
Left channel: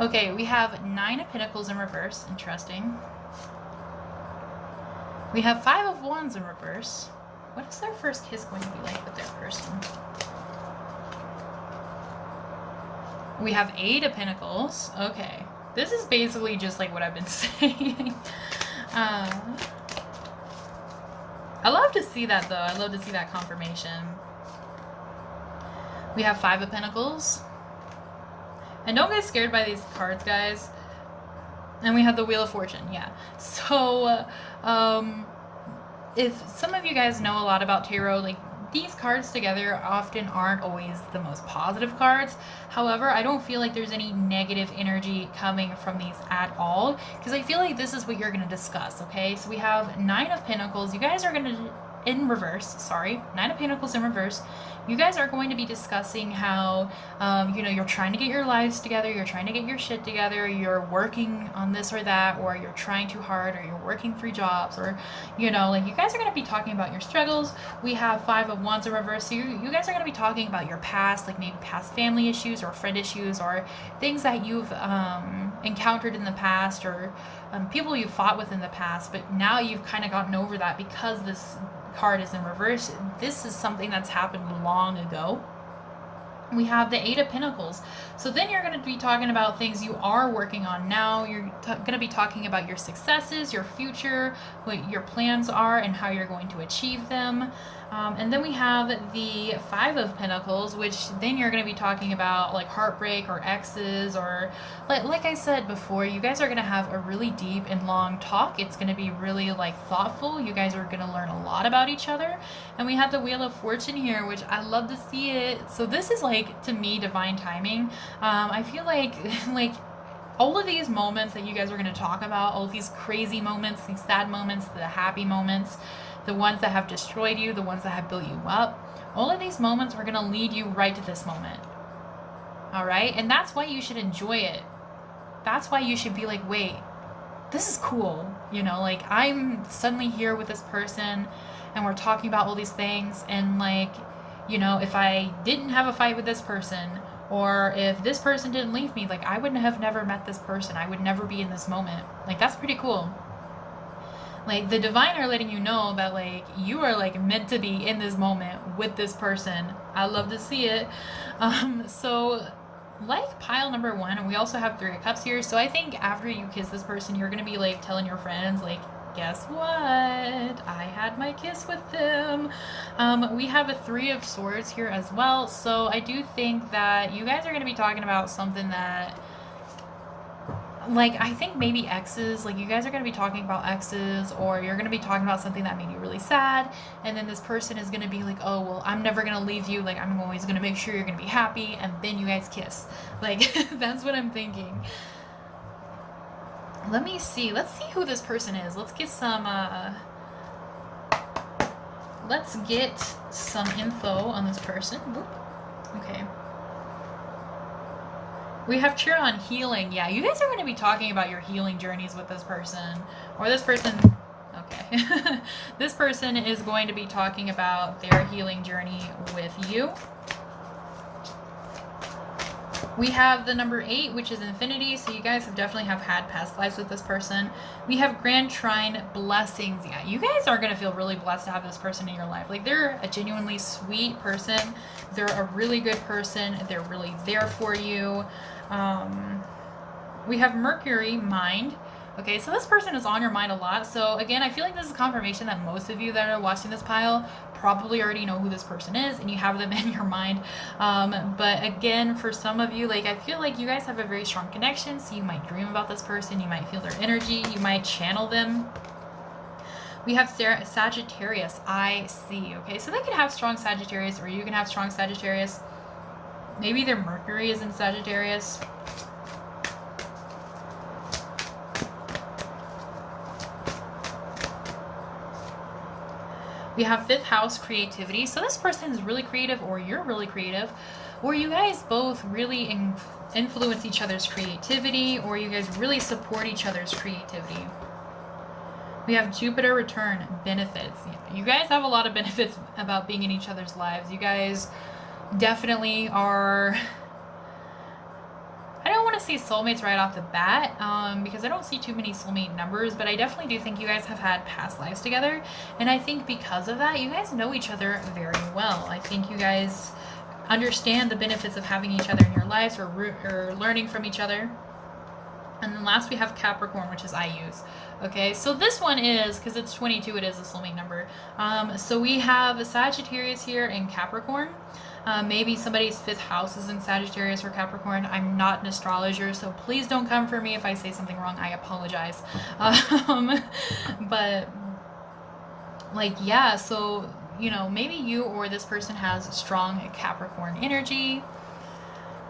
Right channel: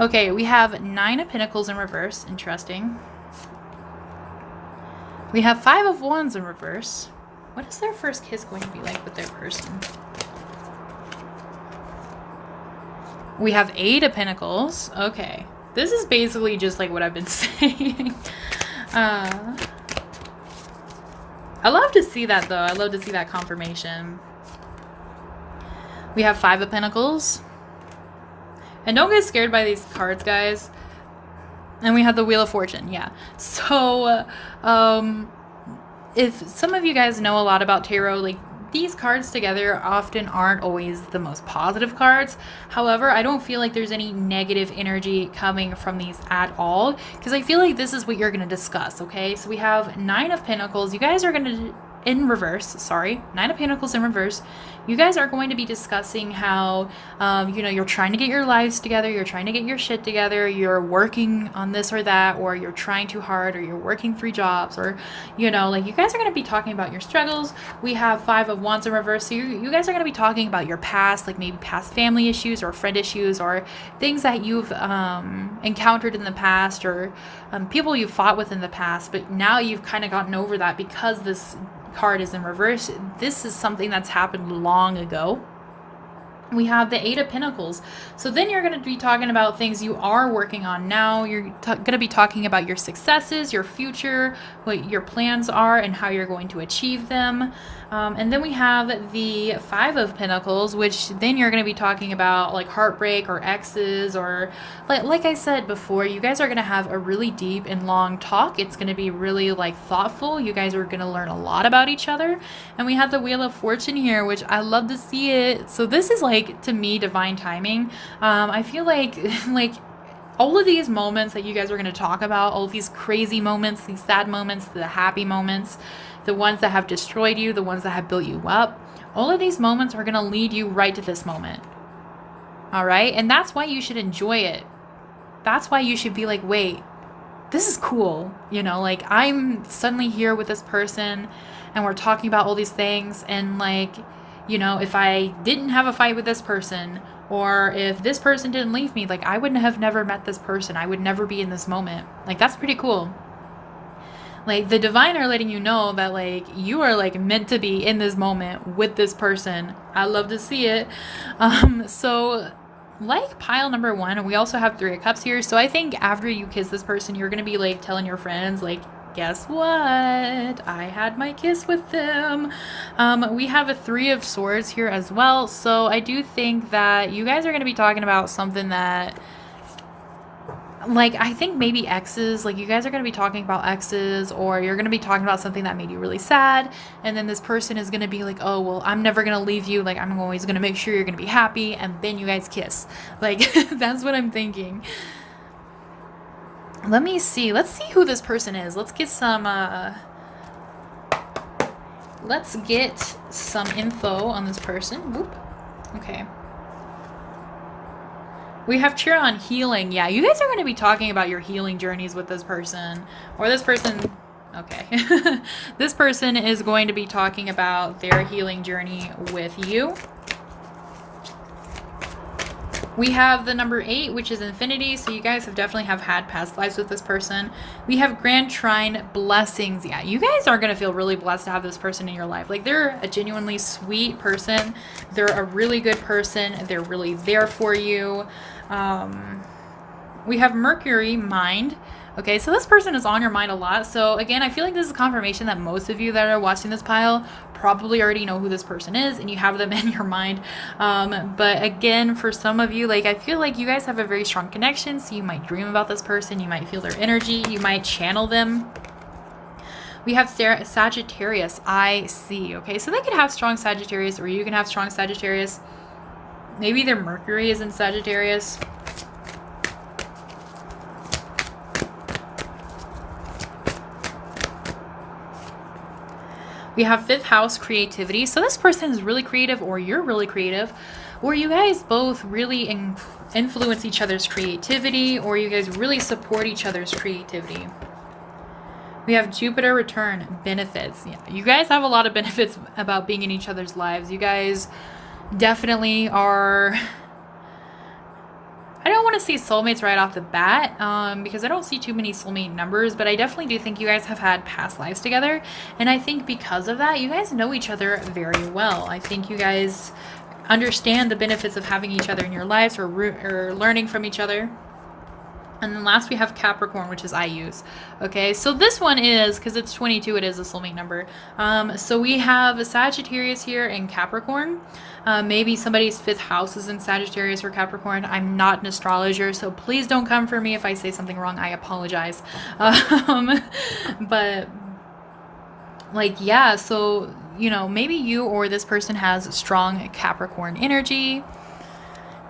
Okay, we have 9 of Pentacles in reverse. Interesting. We have 5 of Wands in reverse. What is their first kiss going to be like with their person? We have 8 of Pentacles. Okay. This is basically just like what I've been saying. I love to see that though. I love to see that confirmation. We have 5 of Pentacles. And don't get scared by these cards, guys. And we have the Wheel of Fortune. Yeah. So, if some of you guys know a lot about tarot, like these cards together often aren't always the most positive cards. However, I don't feel like there's any negative energy coming from these at all, because I feel like this is what you're going to discuss, okay? So we have 9 of Pentacles. You guys are going to, in reverse, sorry, 9 of Pentacles in reverse. You guys are going to be discussing how, you're trying to get your lives together, you're trying to get your shit together, you're working on this or that, or you're trying too hard, or you're working 3 jobs, or, you guys are going to be talking about your struggles. We have 5 of Wands in reverse, so you guys are going to be talking about your past, like maybe past family issues, or friend issues, or things that you've encountered in the past, or people you've fought with in the past, but now you've kind of gotten over that because this card is in reverse. This is something that's happened long ago. We have the 8 of Pentacles. So then you're going to be talking about things you are working on now. You're going to be talking about your successes, your future, what your plans are, and how you're going to achieve them. And then we have the 5 of Pentacles, which then you're going to be talking about like heartbreak or exes, or like I said before, you guys are going to have a really deep and long talk. It's going to be really like thoughtful. You guys are going to learn a lot about each other. And we have the Wheel of Fortune here, which I love to see it. So this is like, to me, divine timing. I feel like all of these moments that you guys are going to talk about, all of these crazy moments, these sad moments, the happy moments, the ones that have destroyed you, the ones that have built you up, all of these moments are going to lead you right to this moment. All right? And that's why you should enjoy it. That's why you should be like, wait, this is cool. Like I'm suddenly here with this person and we're talking about all these things. And like, if I didn't have a fight with this person, or if this person didn't leave me, like I wouldn't have never met this person. I would never be in this moment. Like that's pretty cool. Like the divine are letting you know that like you are like meant to be in this moment with this person. I love to see it. So like pile number 1, we also have 3 of Cups here. So I think after you kiss this person, you're going to be like telling your friends like, guess what? I had my kiss with them. We have a 3 of Swords here as well. So I do think that you guys are going to be talking about something that, like, I think maybe exes, like you guys are going to be talking about exes, or you're going to be talking about something that made you really sad. And then this person is going to be like, oh, well, I'm never going to leave you. Like, I'm always going to make sure you're going to be happy. And then you guys kiss. Like, that's what I'm thinking. Let me see. Let's see who this person is. Let's get some info on this person. Whoop. Okay. We have cheer on healing. Yeah, you guys are going to be talking about your healing journeys with this person. Or this person... Okay. This person is going to be talking about their healing journey with you. We have the number 8, which is infinity. So you guys have definitely had past lives with this person. We have Grand Trine, blessings. Yeah, you guys are going to feel really blessed to have this person in your life. Like, they're a genuinely sweet person. They're a really good person. They're really there for you. We have Mercury, mind. Okay, so this person is on your mind a lot. So again, I feel like this is confirmation that most of you that are watching this pile probably already know who this person is and you have them in your mind. But again, for some of you, like, I feel like you guys have a very strong connection. So you might dream about this person. You might feel their energy. You might channel them. We have Sagittarius, I see. Okay, so they could have strong Sagittarius, or you can have strong Sagittarius. Maybe their Mercury is in Sagittarius. We have 5th house, creativity. So this person is really creative, or you're really creative, or you guys both really influence each other's creativity, or you guys really support each other's creativity. We have Jupiter return, benefits. Yeah, you guys have a lot of benefits about being in each other's lives. You guys definitely are... I don't want to say soulmates right off the bat, because I don't see too many soulmate numbers, but I definitely do think you guys have had past lives together. And I think because of that, you guys know each other very well. I think you guys understand the benefits of having each other in your lives, or learning from each other. And then last we have Capricorn, which is I use. Okay, so this one is, because it's 22, it is a soulmate number. So we have a Sagittarius here and Capricorn. Maybe somebody's 5th house is in Sagittarius or Capricorn. I'm not an astrologer, so please don't come for me if I say something wrong. I apologize. But like, yeah, so, you know, maybe you or this person has strong Capricorn energy.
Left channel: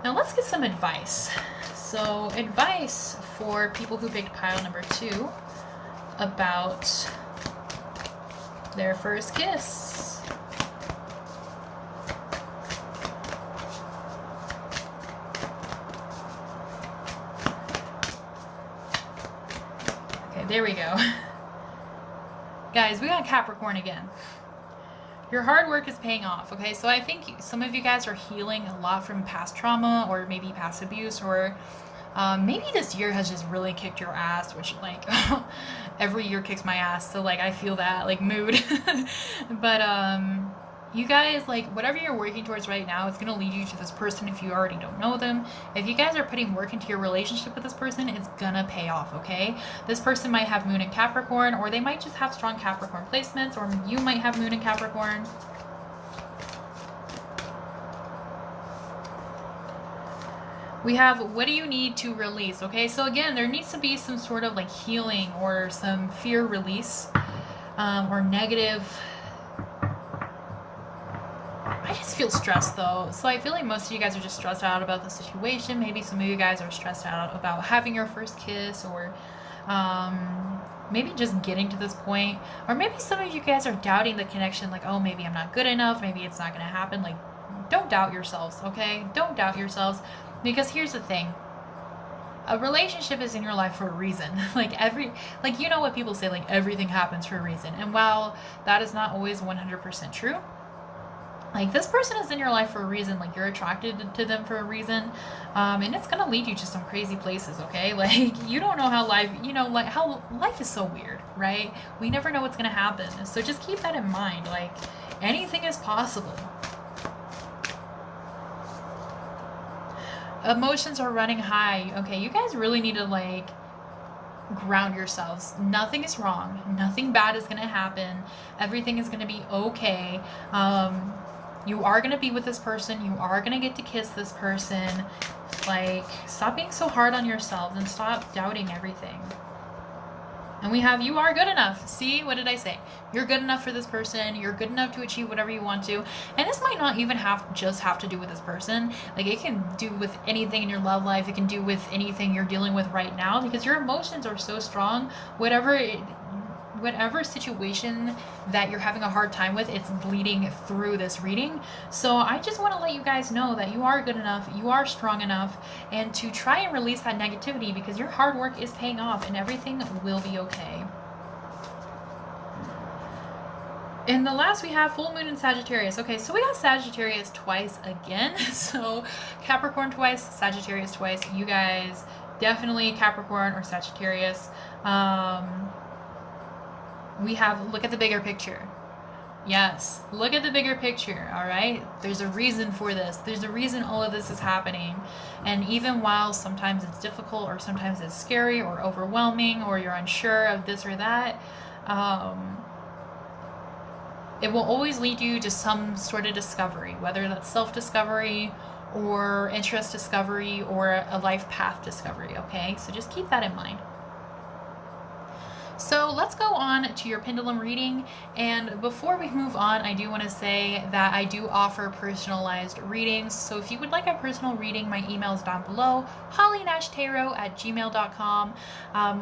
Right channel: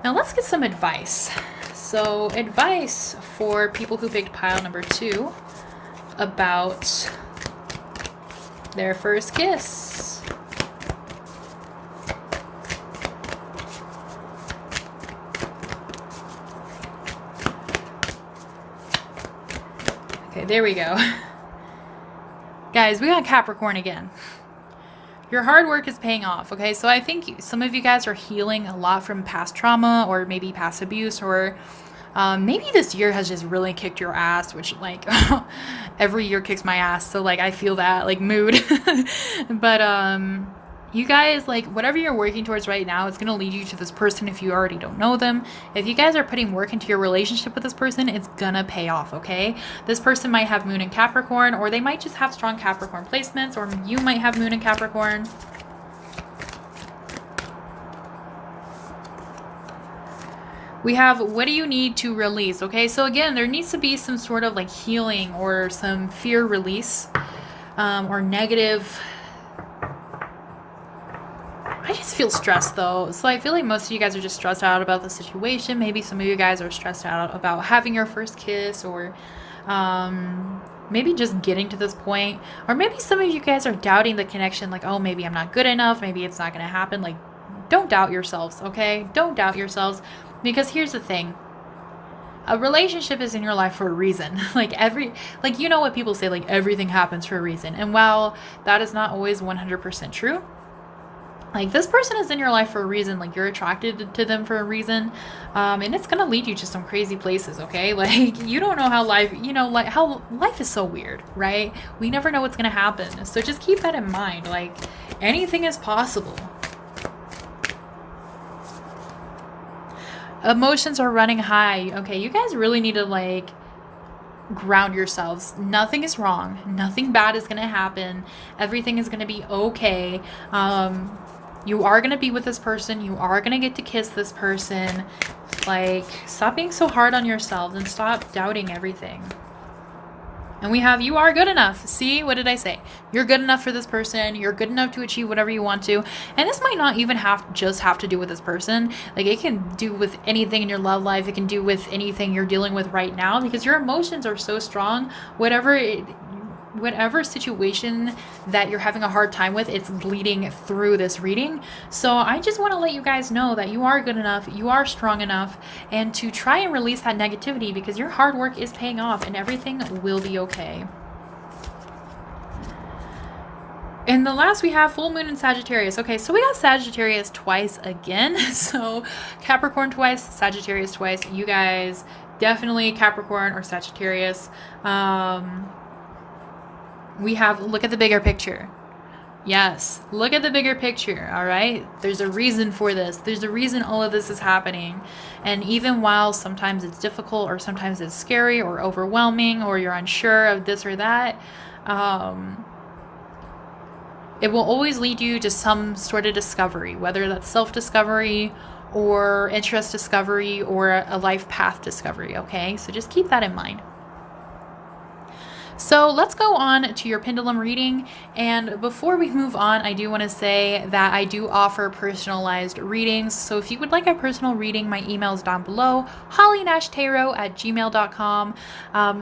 Now let's get some advice. So advice for people who picked pile number 2 about their first kiss. Okay, there we go. Guys, we got Capricorn again. Your hard work is paying off, okay? So I think some of you guys are healing a lot from past trauma, or maybe past abuse, or maybe this year has just really kicked your ass, which, like, every year kicks my ass. So, like, I feel that, like, mood. But you guys, like, whatever you're working towards right now, it's going to lead you to this person if you already don't know them. If you guys are putting work into your relationship with this person, it's going to pay off, okay? This person might have Moon in Capricorn, or they might just have strong Capricorn placements, or you might have Moon in Capricorn. We have, what do you need to release? Okay, so again, there needs to be some sort of, like, healing or some fear release, or negative. I just feel stressed, though. So I feel like most of you guys are just stressed out about the situation. Maybe some of you guys are stressed out about having your first kiss, or maybe just getting to this point. Or maybe some of you guys are doubting the connection, like, oh, maybe I'm not good enough. Maybe it's not going to happen. Like, don't doubt yourselves, okay? Don't doubt yourselves. Because here's the thing. A relationship is in your life for a reason. Like, you know what people say, like, everything happens for a reason. And while that is not always 100% true, like, this person is in your life for a reason. Like, you're attracted to them for a reason. And it's going to lead you to some crazy places, okay? Like, you don't know how life, like, how life is so weird, right? We never know what's going to happen. So just keep that in mind. Like, anything is possible. Emotions are running high. Okay, you guys really need to, like, ground yourselves. Nothing is wrong. Nothing bad is going to happen. Everything is going to be okay. You are going to be with this person. You are going to get to kiss this person. Like, stop being so hard on yourselves and stop doubting everything. And we have, you are good enough. See, what did I say? You're good enough for this person. You're good enough to achieve whatever you want to. And this might not even have to do with this person. Like, it can do with anything in your love life. It can do with anything you're dealing with right now, because your emotions are so strong. Whatever situation that you're having a hard time with, it's bleeding through this reading. So I just want to let you guys know that you are good enough, you are strong enough, and to try and release that negativity, because your hard work is paying off and everything will be okay. And the last we have full moon in Sagittarius. Okay, so we got Sagittarius twice again. So Capricorn twice, Sagittarius twice. You guys definitely Capricorn or Sagittarius. We have, look at the bigger picture. Yes, look at the bigger picture, all right? There's a reason for this. There's a reason all of this is happening. And even while sometimes it's difficult, or sometimes it's scary or overwhelming, or you're unsure of this or that, it will always lead you to some sort of discovery, whether that's self-discovery or interest discovery or a life path discovery, okay? So just keep that in mind. So let's go on to your pendulum reading. And before we move on, I do want to say that I do offer personalized readings. So if you would like a personal reading, my email is down below, hollyandashtarot@gmail.com.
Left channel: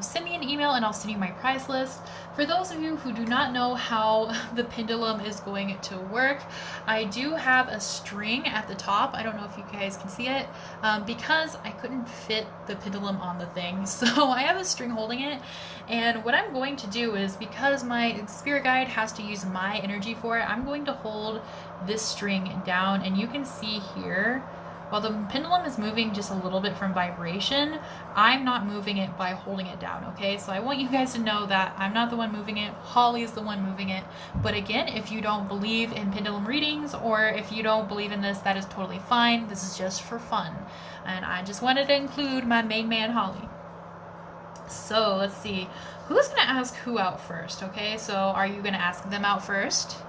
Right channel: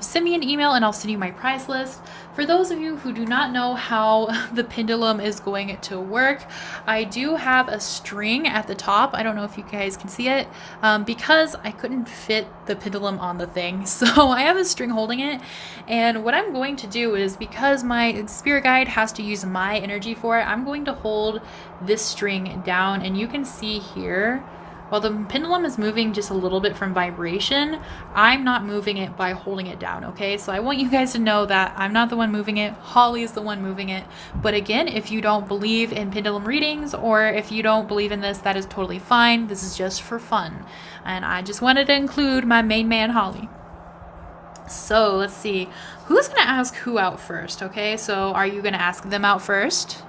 Send me an email and I'll send you my price list. For those of you who do not know how the pendulum is going to work, I do have a string at the top. I don't know if you guys can see it, because I couldn't fit the pendulum on the thing. So I have a string holding it. And what I'm going to do is, because my spirit guide has to use my energy for it, I'm going to hold this string down. And you can see here, while the pendulum is moving just a little bit from vibration, I'm not moving it by holding it down, okay? So I want you guys to know that I'm not the one moving it. Holly is the one moving it. But again, if you don't believe in pendulum readings, or if you don't believe in this, that is totally fine. This is just for fun. And I just wanted to include my main man, Holly. So let's see. Who's going to ask who out first, okay? So are you going to ask them out first?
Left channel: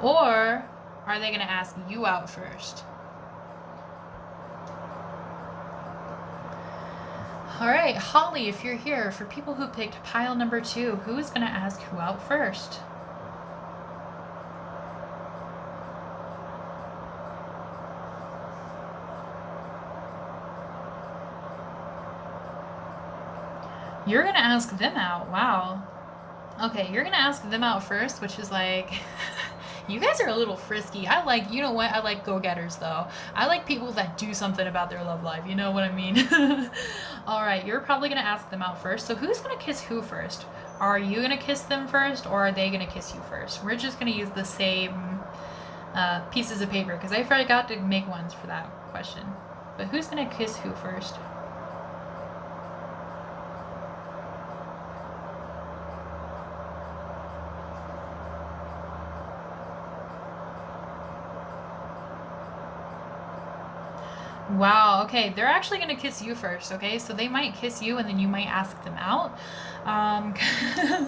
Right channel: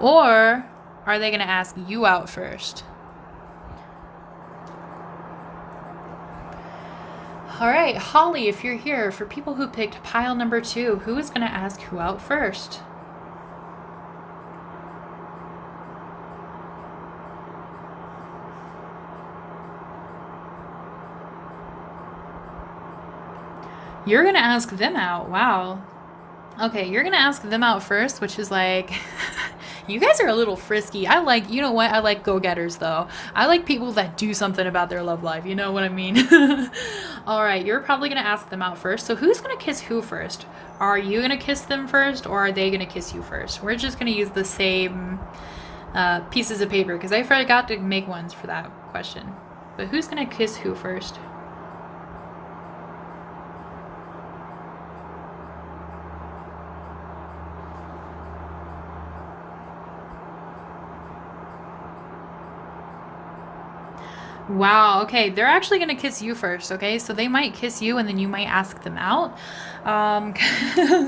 Or are they going to ask you out first? All right, Holly, if you're here, for people who picked pile number 2, who is going to ask who out first? You're going to ask them out. Wow. Okay, you're going to ask them out first, which is like, you guys are a little frisky. I like, you know what? I like go-getters, though. I like people that do something about their love life. You know what I mean? All right, you're probably going to ask them out first. So who's going to kiss who first? Are you going to kiss them first, or are they going to kiss you first? We're just going to use the same pieces of paper, because I forgot to make ones for that question. But who's going to kiss who first? Wow, okay, they're actually going to kiss you first, okay? So they might kiss you and then you might ask them out.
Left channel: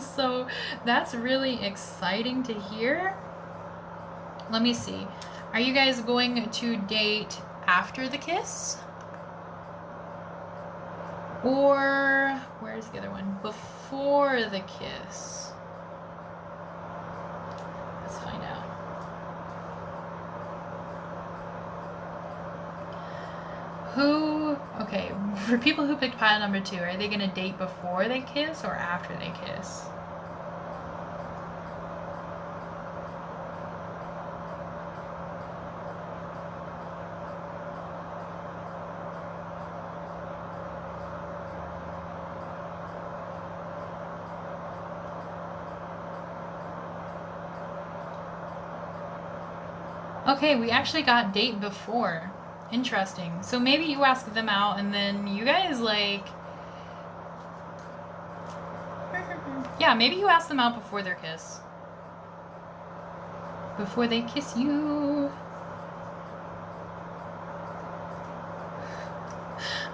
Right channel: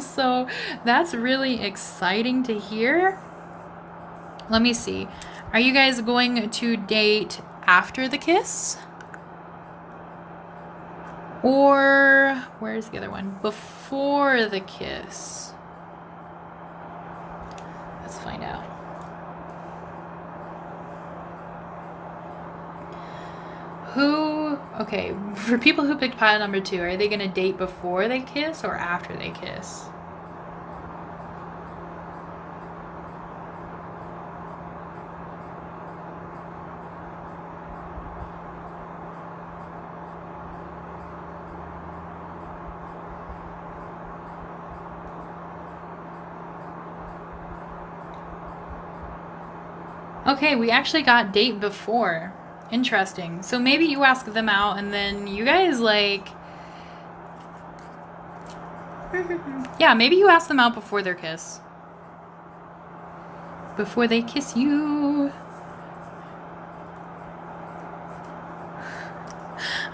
So that's really exciting to hear. Let me see. Are you guys going to date after the kiss? Or, where's the other one? Before the kiss? Let's find out. Okay, for people who picked pile number 2, are they going to date before they kiss or after they kiss? Okay, we actually got date before. Interesting. So maybe you ask them out and then you guys like... yeah, maybe you ask them out before their kiss. Before they kiss you.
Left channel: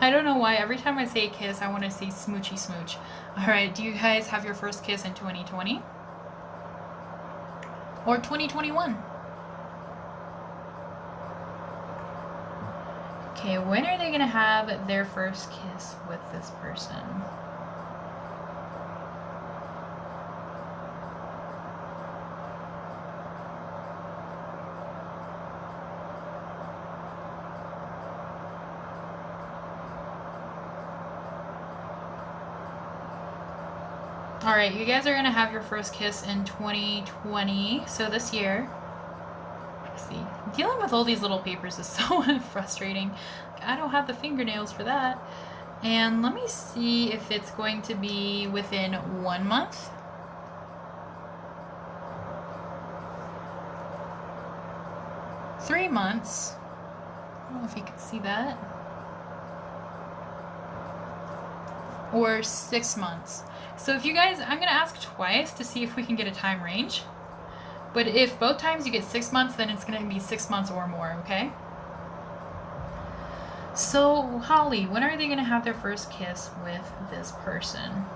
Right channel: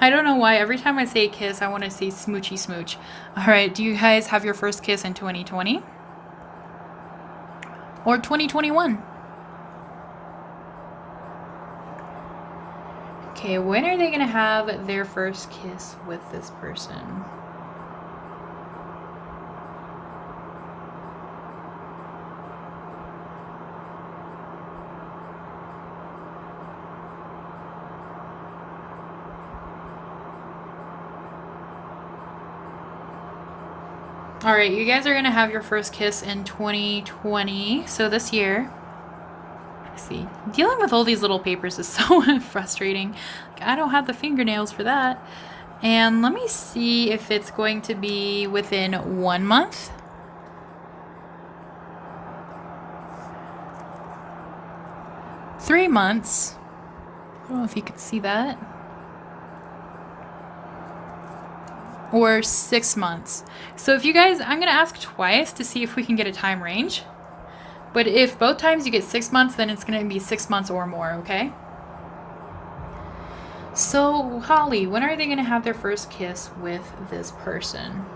I don't know why. Every time I say kiss, I want to say smoochy smooch. All right. Do you guys have your first kiss in 2020? Or 2021? Okay, when are they going to have their first kiss with this person? All right, you guys are going to have your first kiss in 2020, so this year. Let's see. Dealing with all these little papers is so frustrating. I don't have the fingernails for that. And let me see if it's going to be within 1 month. Three months. I don't know if you can see that. Or 6 months. So if you guys, I'm going to ask twice to see if we can get a time range. But if both times you get 6 months, then it's going to be 6 months or more, okay? So, Holly, when are they going to have their first kiss with this person?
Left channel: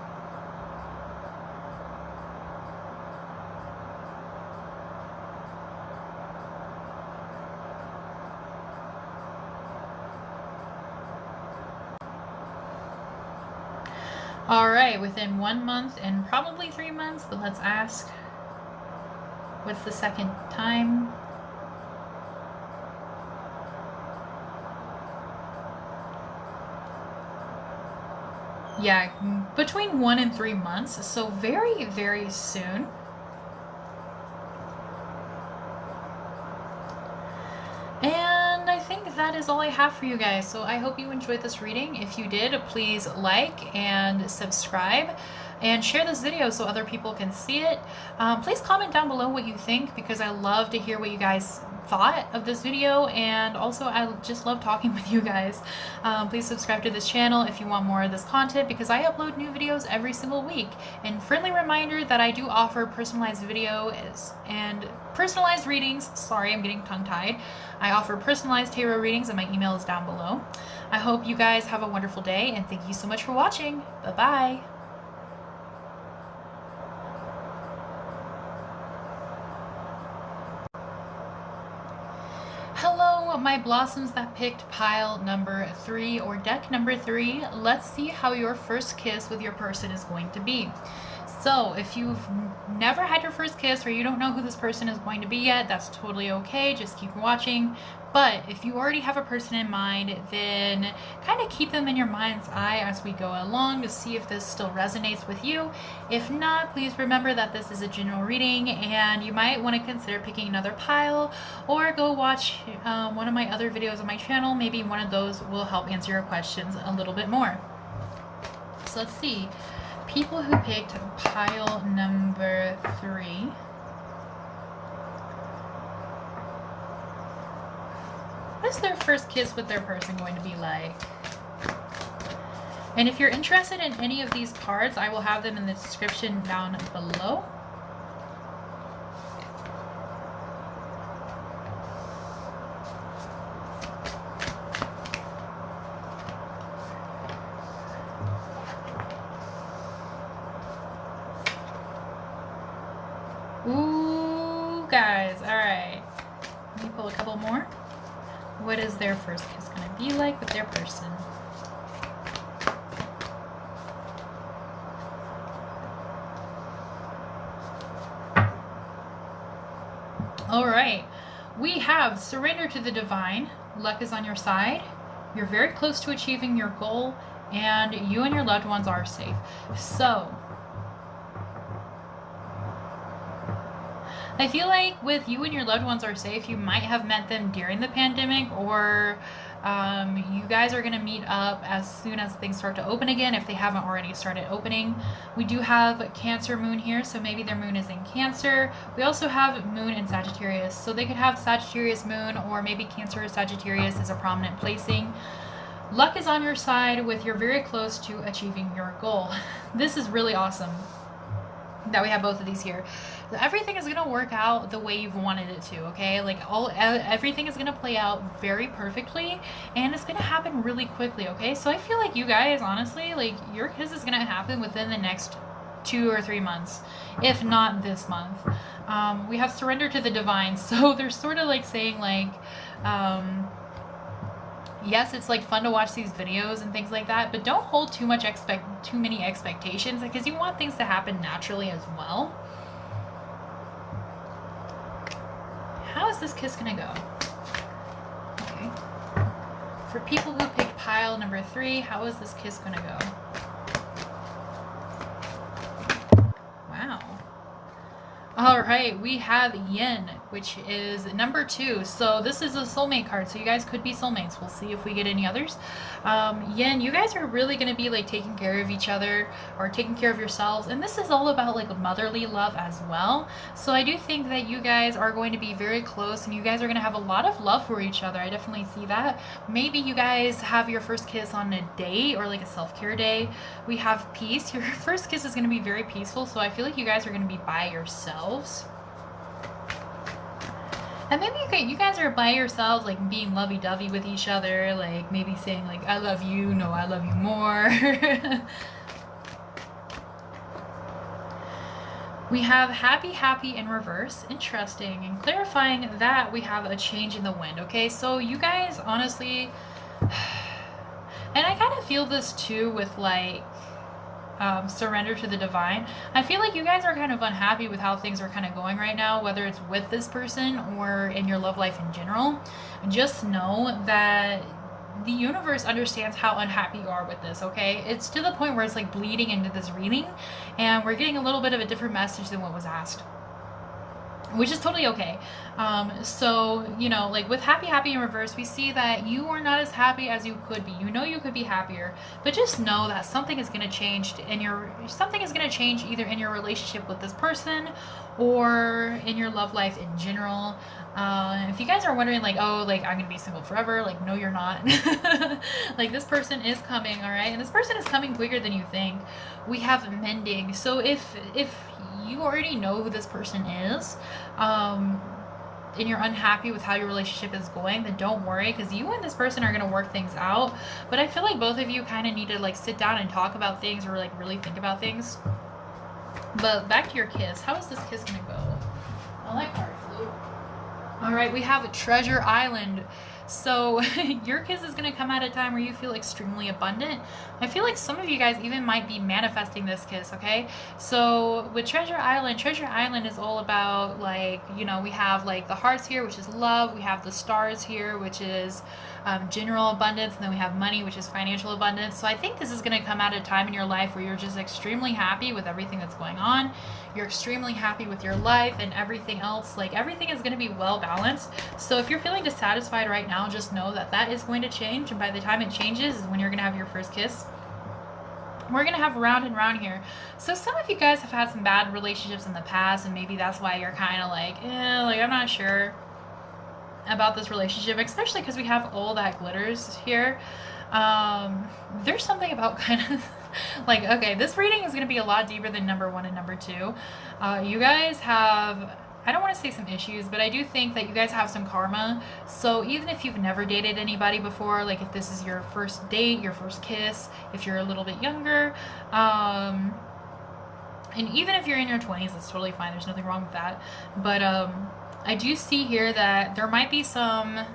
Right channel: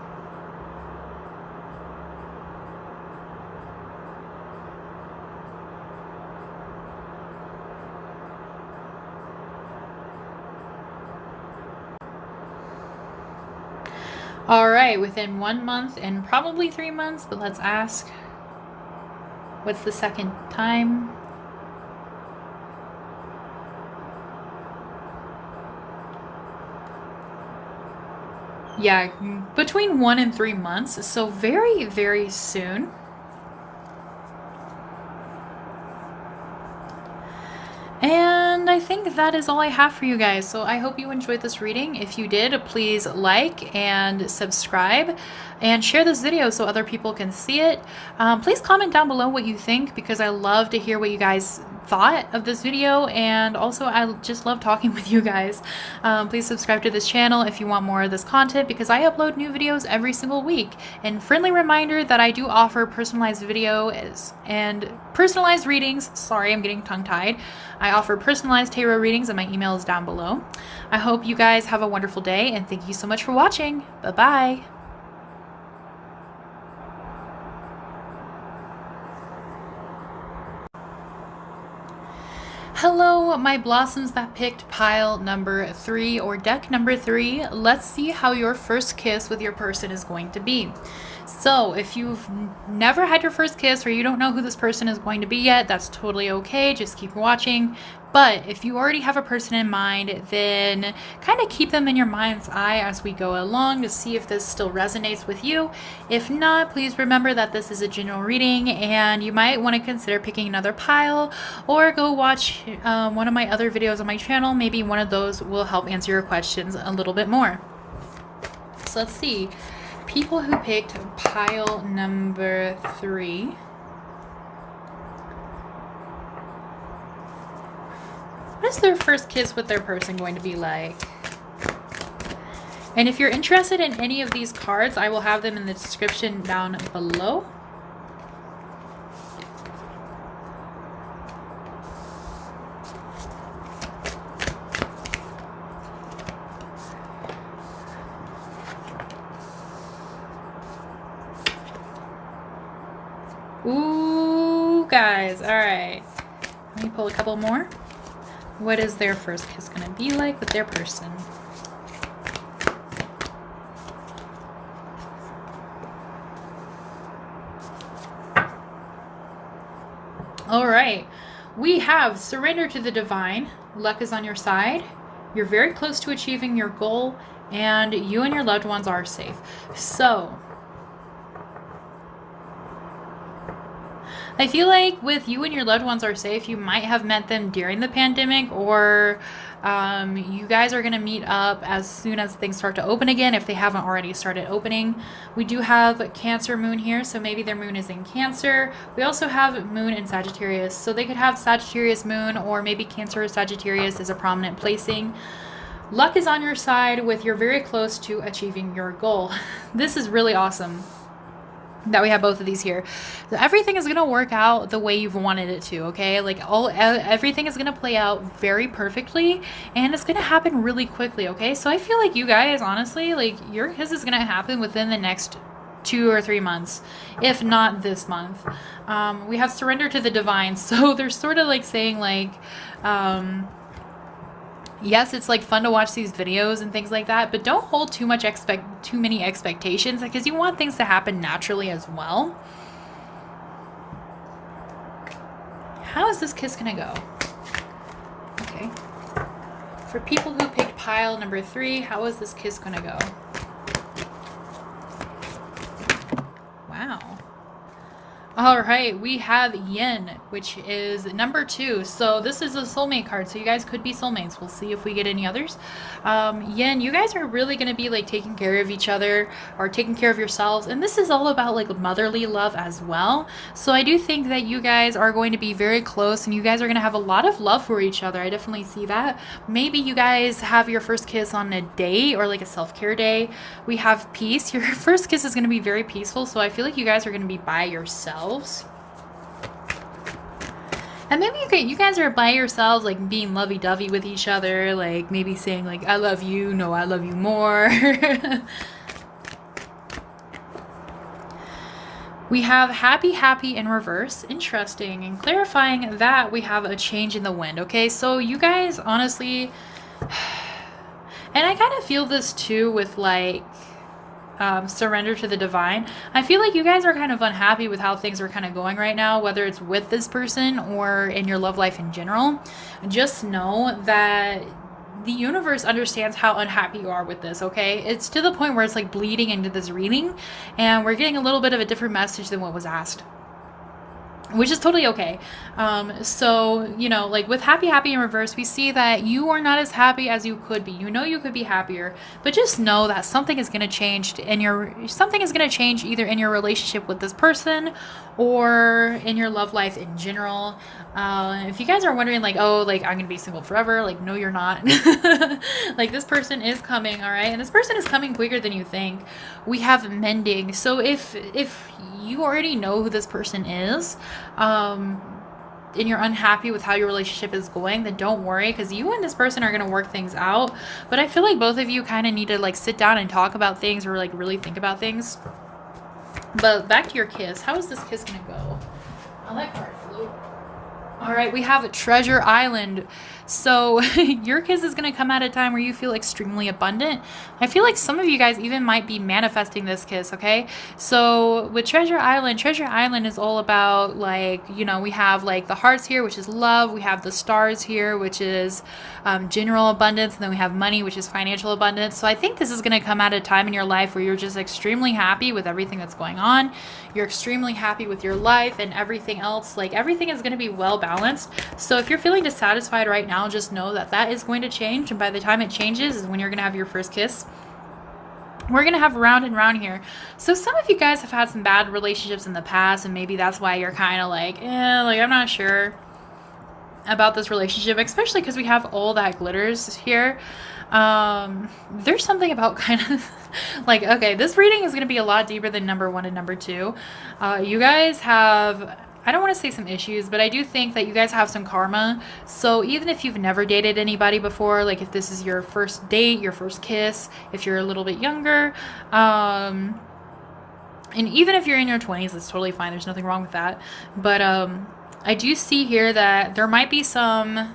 All right, within 1 month and probably 3 months, but let's ask. What's the second time? Yeah, between 1 and 3 months, so very, very soon. And I think that is all I have for you guys. So I hope you enjoyed this reading. If you did, please like and subscribe and share this video so other people can see it. Please comment down below what you think, because I love to hear what you guys thought of this video, and also I just love talking with you guys. Please subscribe to this channel if you want more of this content, because I upload new videos every single week. And friendly reminder that I do offer personalized videos and personalized readings. Sorry, I'm getting tongue-tied. I offer personalized tarot readings, and my email is down below. I hope you guys have a wonderful day, and thank you so much for watching. Bye-bye. Hello, my blossoms that picked pile number 3 or deck number 3. Let's see how your first kiss with your person is going to be. So if you've never had your first kiss, or you don't know who this person is going to be yet, that's totally okay. Just keep watching. But if you already have a person in mind, then kind of keep them in your mind's eye as we go along to see if this still resonates with you. If not, please remember that this is a general reading, and you might want to consider picking another pile, or go watch one of my other videos on my channel. Maybe one of those will help answer your questions a little bit more. So let's see. People who picked pile number 3. What is their first kiss with their person going to be like? And if you're interested in any of these cards, I will have them in the description down below. Ooh, guys. All right. Let me pull a couple more. What is their first kiss going to be like with their person? All right. We have surrender to the divine. Luck is on your side. You're very close to achieving your goal, and you and your loved ones are safe. So I feel like with you and your loved ones are safe, you might have met them during the pandemic, or you guys are going to meet up as soon as things start to open again, if they haven't already started opening. We do have Cancer moon here, so maybe their moon is in Cancer. We also have moon in Sagittarius, so they could have Sagittarius moon, or maybe Cancer or Sagittarius is a prominent placing. Luck is on your side with you're very close to achieving your goal. This is really awesome. that we have both of these here. Everything is going to work out the way you've wanted it to, okay? Like everything is going to play out very perfectly, and it's going to happen really quickly, okay? So I feel like you guys, honestly, like your kiss is going to happen within the next 2 or 3 months, if not this month. We have surrender to the divine, so they're sort of like saying like, yes, it's like fun to watch these videos and things like that, but don't hold too many expectations, because you want things to happen naturally as well. How is this kiss gonna go? Okay. For people who picked pile number 3, how is this kiss gonna go? Wow. All right, we have Yin, which is number 2. So this is a soulmate card. So you guys could be soulmates. We'll see if we get any others. Yin, you guys are really going to be like taking care of each other or taking care of yourselves. And this is all about like motherly love as well. So I do think that you guys are going to be very close, and you guys are going to have a lot of love for each other. I definitely see that. Maybe you guys have your first kiss on a date or like a self-care day. We have peace. Your first kiss is going to be very peaceful. So I feel like you guys are going to be by yourselves. And maybe you guys are by yourselves, like being lovey-dovey with each other, like maybe saying like, I love you, no, I love you more. We have happy in reverse. Interesting. And clarifying that we have a change in the wind. Okay, so you guys honestly, and I kind of feel this too with like surrender to the divine. I feel like you guys are kind of unhappy with how things are kind of going right now, whether it's with this person or in your love life in general. Just know that the universe understands how unhappy you are with this, okay? It's to the point where it's like bleeding into this reading, and we're getting a little bit of a different message than what was asked, which is totally okay. So, you know, like with happy in reverse, we see that you are not as happy as you could be. You know you could be happier, but just know that something is going to change either in your relationship with this person or in your love life in general. If you guys are wondering like, oh, like I'm gonna be single forever, like no you're not. Like this person is coming, all right? And this person is coming quicker than you think. We have mending. So if you already know who this person is, and you're unhappy with how your relationship is going, then don't worry, because you and this person are going to work things out. But I feel like both of you kind of need to like sit down and talk about things, or like really think about things. But back to your kiss. How is this kiss going to go? I like card flew. All right, we have Treasure Island. So your kiss is going to come at a time where you feel extremely abundant. I feel like some of you guys even might be manifesting this kiss, okay? So with Treasure Island is all about like, you know, we have like the hearts here, which is love. We have the stars here, which is general abundance. And then we have money, which is financial abundance. So I think this is going to come at a time in your life where you're just extremely happy with everything that's going on. You're extremely happy with your life and everything else. Like everything is going to be well balanced. So if you're feeling dissatisfied right now, just know that that is going to change. And by the time it changes is when you're going to have your first kiss. We're going to have round and round here. So some of you guys have had some bad relationships in the past, and maybe that's why you're kind of like, like I'm not sure about this relationship, especially because we have all that glitters here. There's something about kind of like, okay, this reading is going to be a lot deeper than number 1 and number 2. You guys have, I don't want to say some issues, but I do think that you guys have some karma. So even if you've never dated anybody before, like if this is your first date, your first kiss, if you're a little bit younger, and even if you're in your 20s, that's totally fine. There's nothing wrong with that. But I do see here that there might be some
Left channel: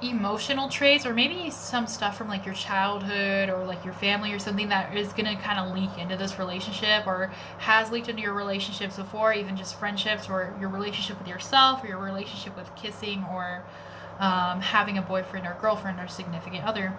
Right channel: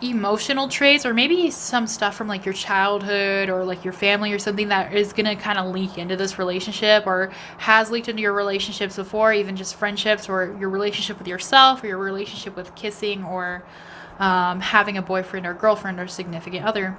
emotional traits, or maybe some stuff from like your childhood or like your family or something that is going to kind of leak into this relationship, or has leaked into your relationships before, even just friendships, or your relationship with yourself, or your relationship with kissing, or having a boyfriend or girlfriend or significant other.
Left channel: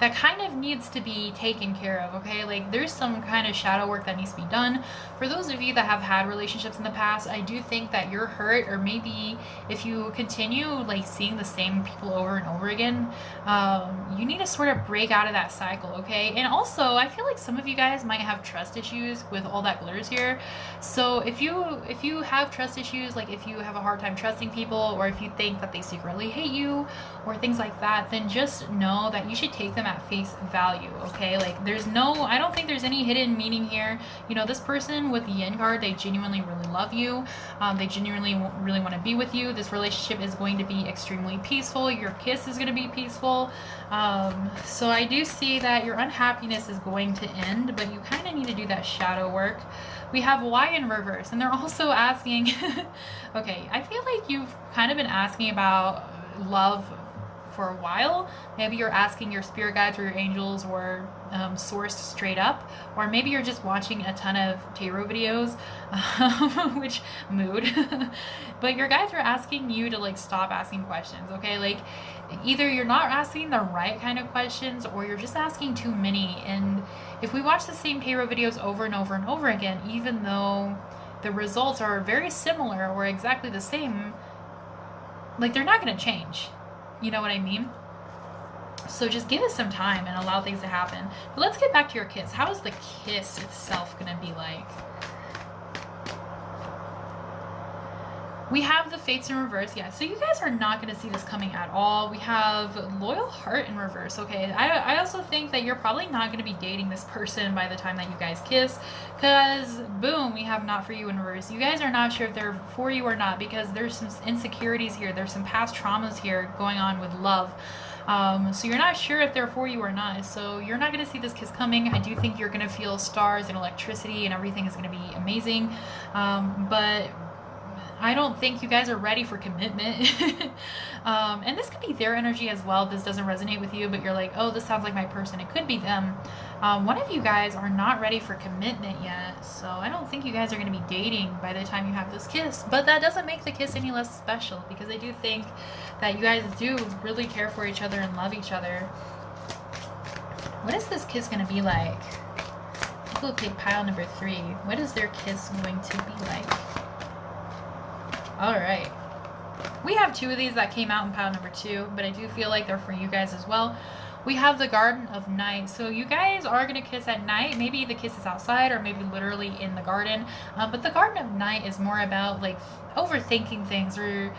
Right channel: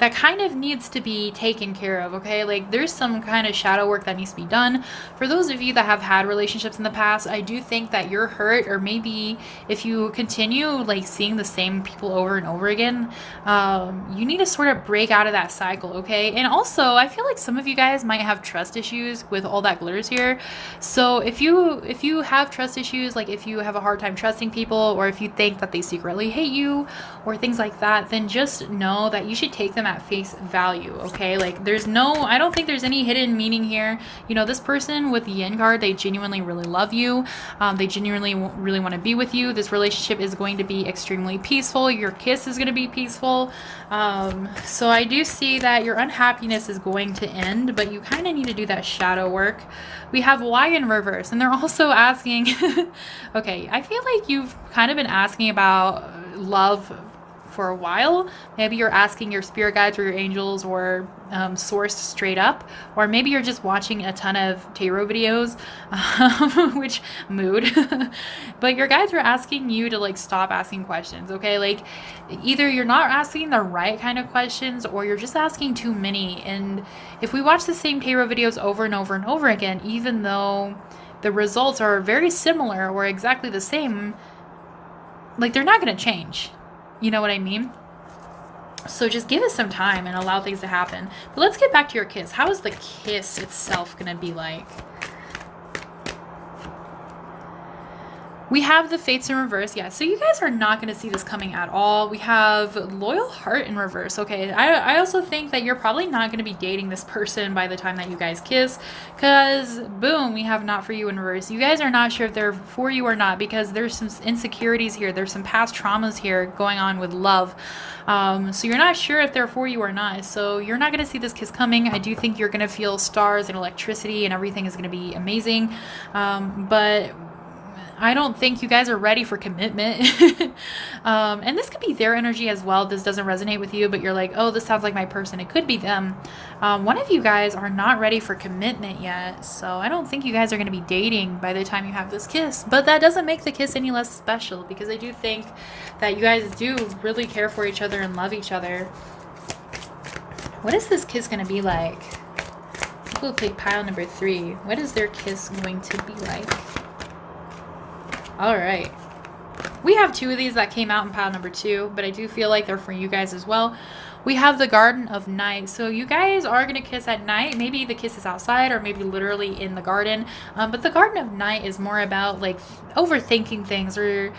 That kind of needs to be taken care of, okay? Like there's some kind of shadow work that needs to be done. For those of you that have had relationships in the past, I do think that you're hurt, or maybe if you continue like seeing the same people over and over again, you need to sort of break out of that cycle, okay? And also I feel like some of you guys might have trust issues with all that glitters here. So if you have trust issues, like if you have a hard time trusting people, or if you think that they secretly hate you or things like that, then just know know that you should take them at face value, okay? Like, I don't think there's any hidden meaning here. You know, this person with the Yin card, they genuinely really love you. They genuinely really want to be with you. This relationship is going to be extremely peaceful. Your kiss is going to be peaceful. So I do see that your unhappiness is going to end, but you kind of need to do that shadow work. We have Y in reverse, and they're also asking, okay, I feel like you've kind of been asking about love for a while. Maybe you're asking your spirit guides or your angels or source straight up, or maybe you're just watching a ton of tarot videos, which mood. But your guides are asking you to like stop asking questions, okay? Like either you're not asking the right kind of questions or you're just asking too many. And if we watch the same tarot videos over and over and over again, even though the results are very similar or exactly the same, like they're not going to change. You know what I mean? So just give it some time and allow things to happen. But let's get back to your kiss. How is the kiss itself going to be like? We have the Fates in reverse. Yeah, so you guys are not going to see this coming at all. We have Loyal Heart in reverse. Okay, I also think that you're probably not going to be dating this person by the time that you guys kiss, because boom, we have Not For You in reverse. You guys are not sure if they're for you or not because there's some insecurities here. There's some past traumas here going on with love. So you're not sure if they're for you or not. So you're not going to see this kiss coming. I do think you're going to feel stars and electricity and everything is going to be amazing. But I don't think you guys are ready for commitment. And this could be their energy as well. This doesn't resonate with you, but you're like, oh, this sounds like my person. It could be them. One of you guys are not ready for commitment yet. So I don't think you guys are going to be dating by the time you have this kiss. But that doesn't make the kiss any less special because I do think that you guys do really care for each other and love each other. What is this kiss going to be like? We'll take pile number 3. What is their kiss going to be like? All right. We have 2 of these that came out in pile number 2, but I do feel like they're for you guys as well. We have the Garden of Night. So you guys are going to kiss at night. Maybe the kiss is outside or maybe literally in the garden. But the Garden of Night is more about like overthinking things or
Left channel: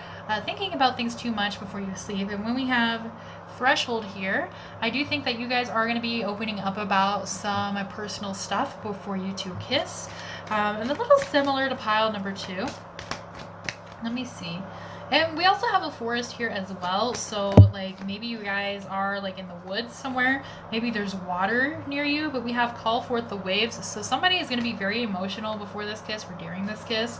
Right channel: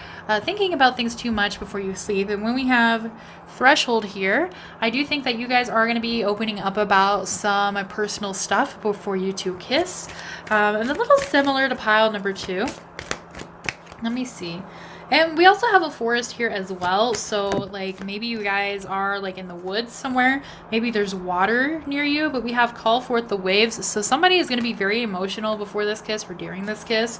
thinking about things too much before you sleep. And when we have Threshold here, I do think that you guys are going to be opening up about some personal stuff before you 2 kiss. And a little similar to pile number 2. Let me see. And we also have a forest here as well. So like maybe you guys are like in the woods somewhere. Maybe there's water near you, but we have Call Forth the Waves. So somebody is going to be very emotional before this kiss or during this kiss.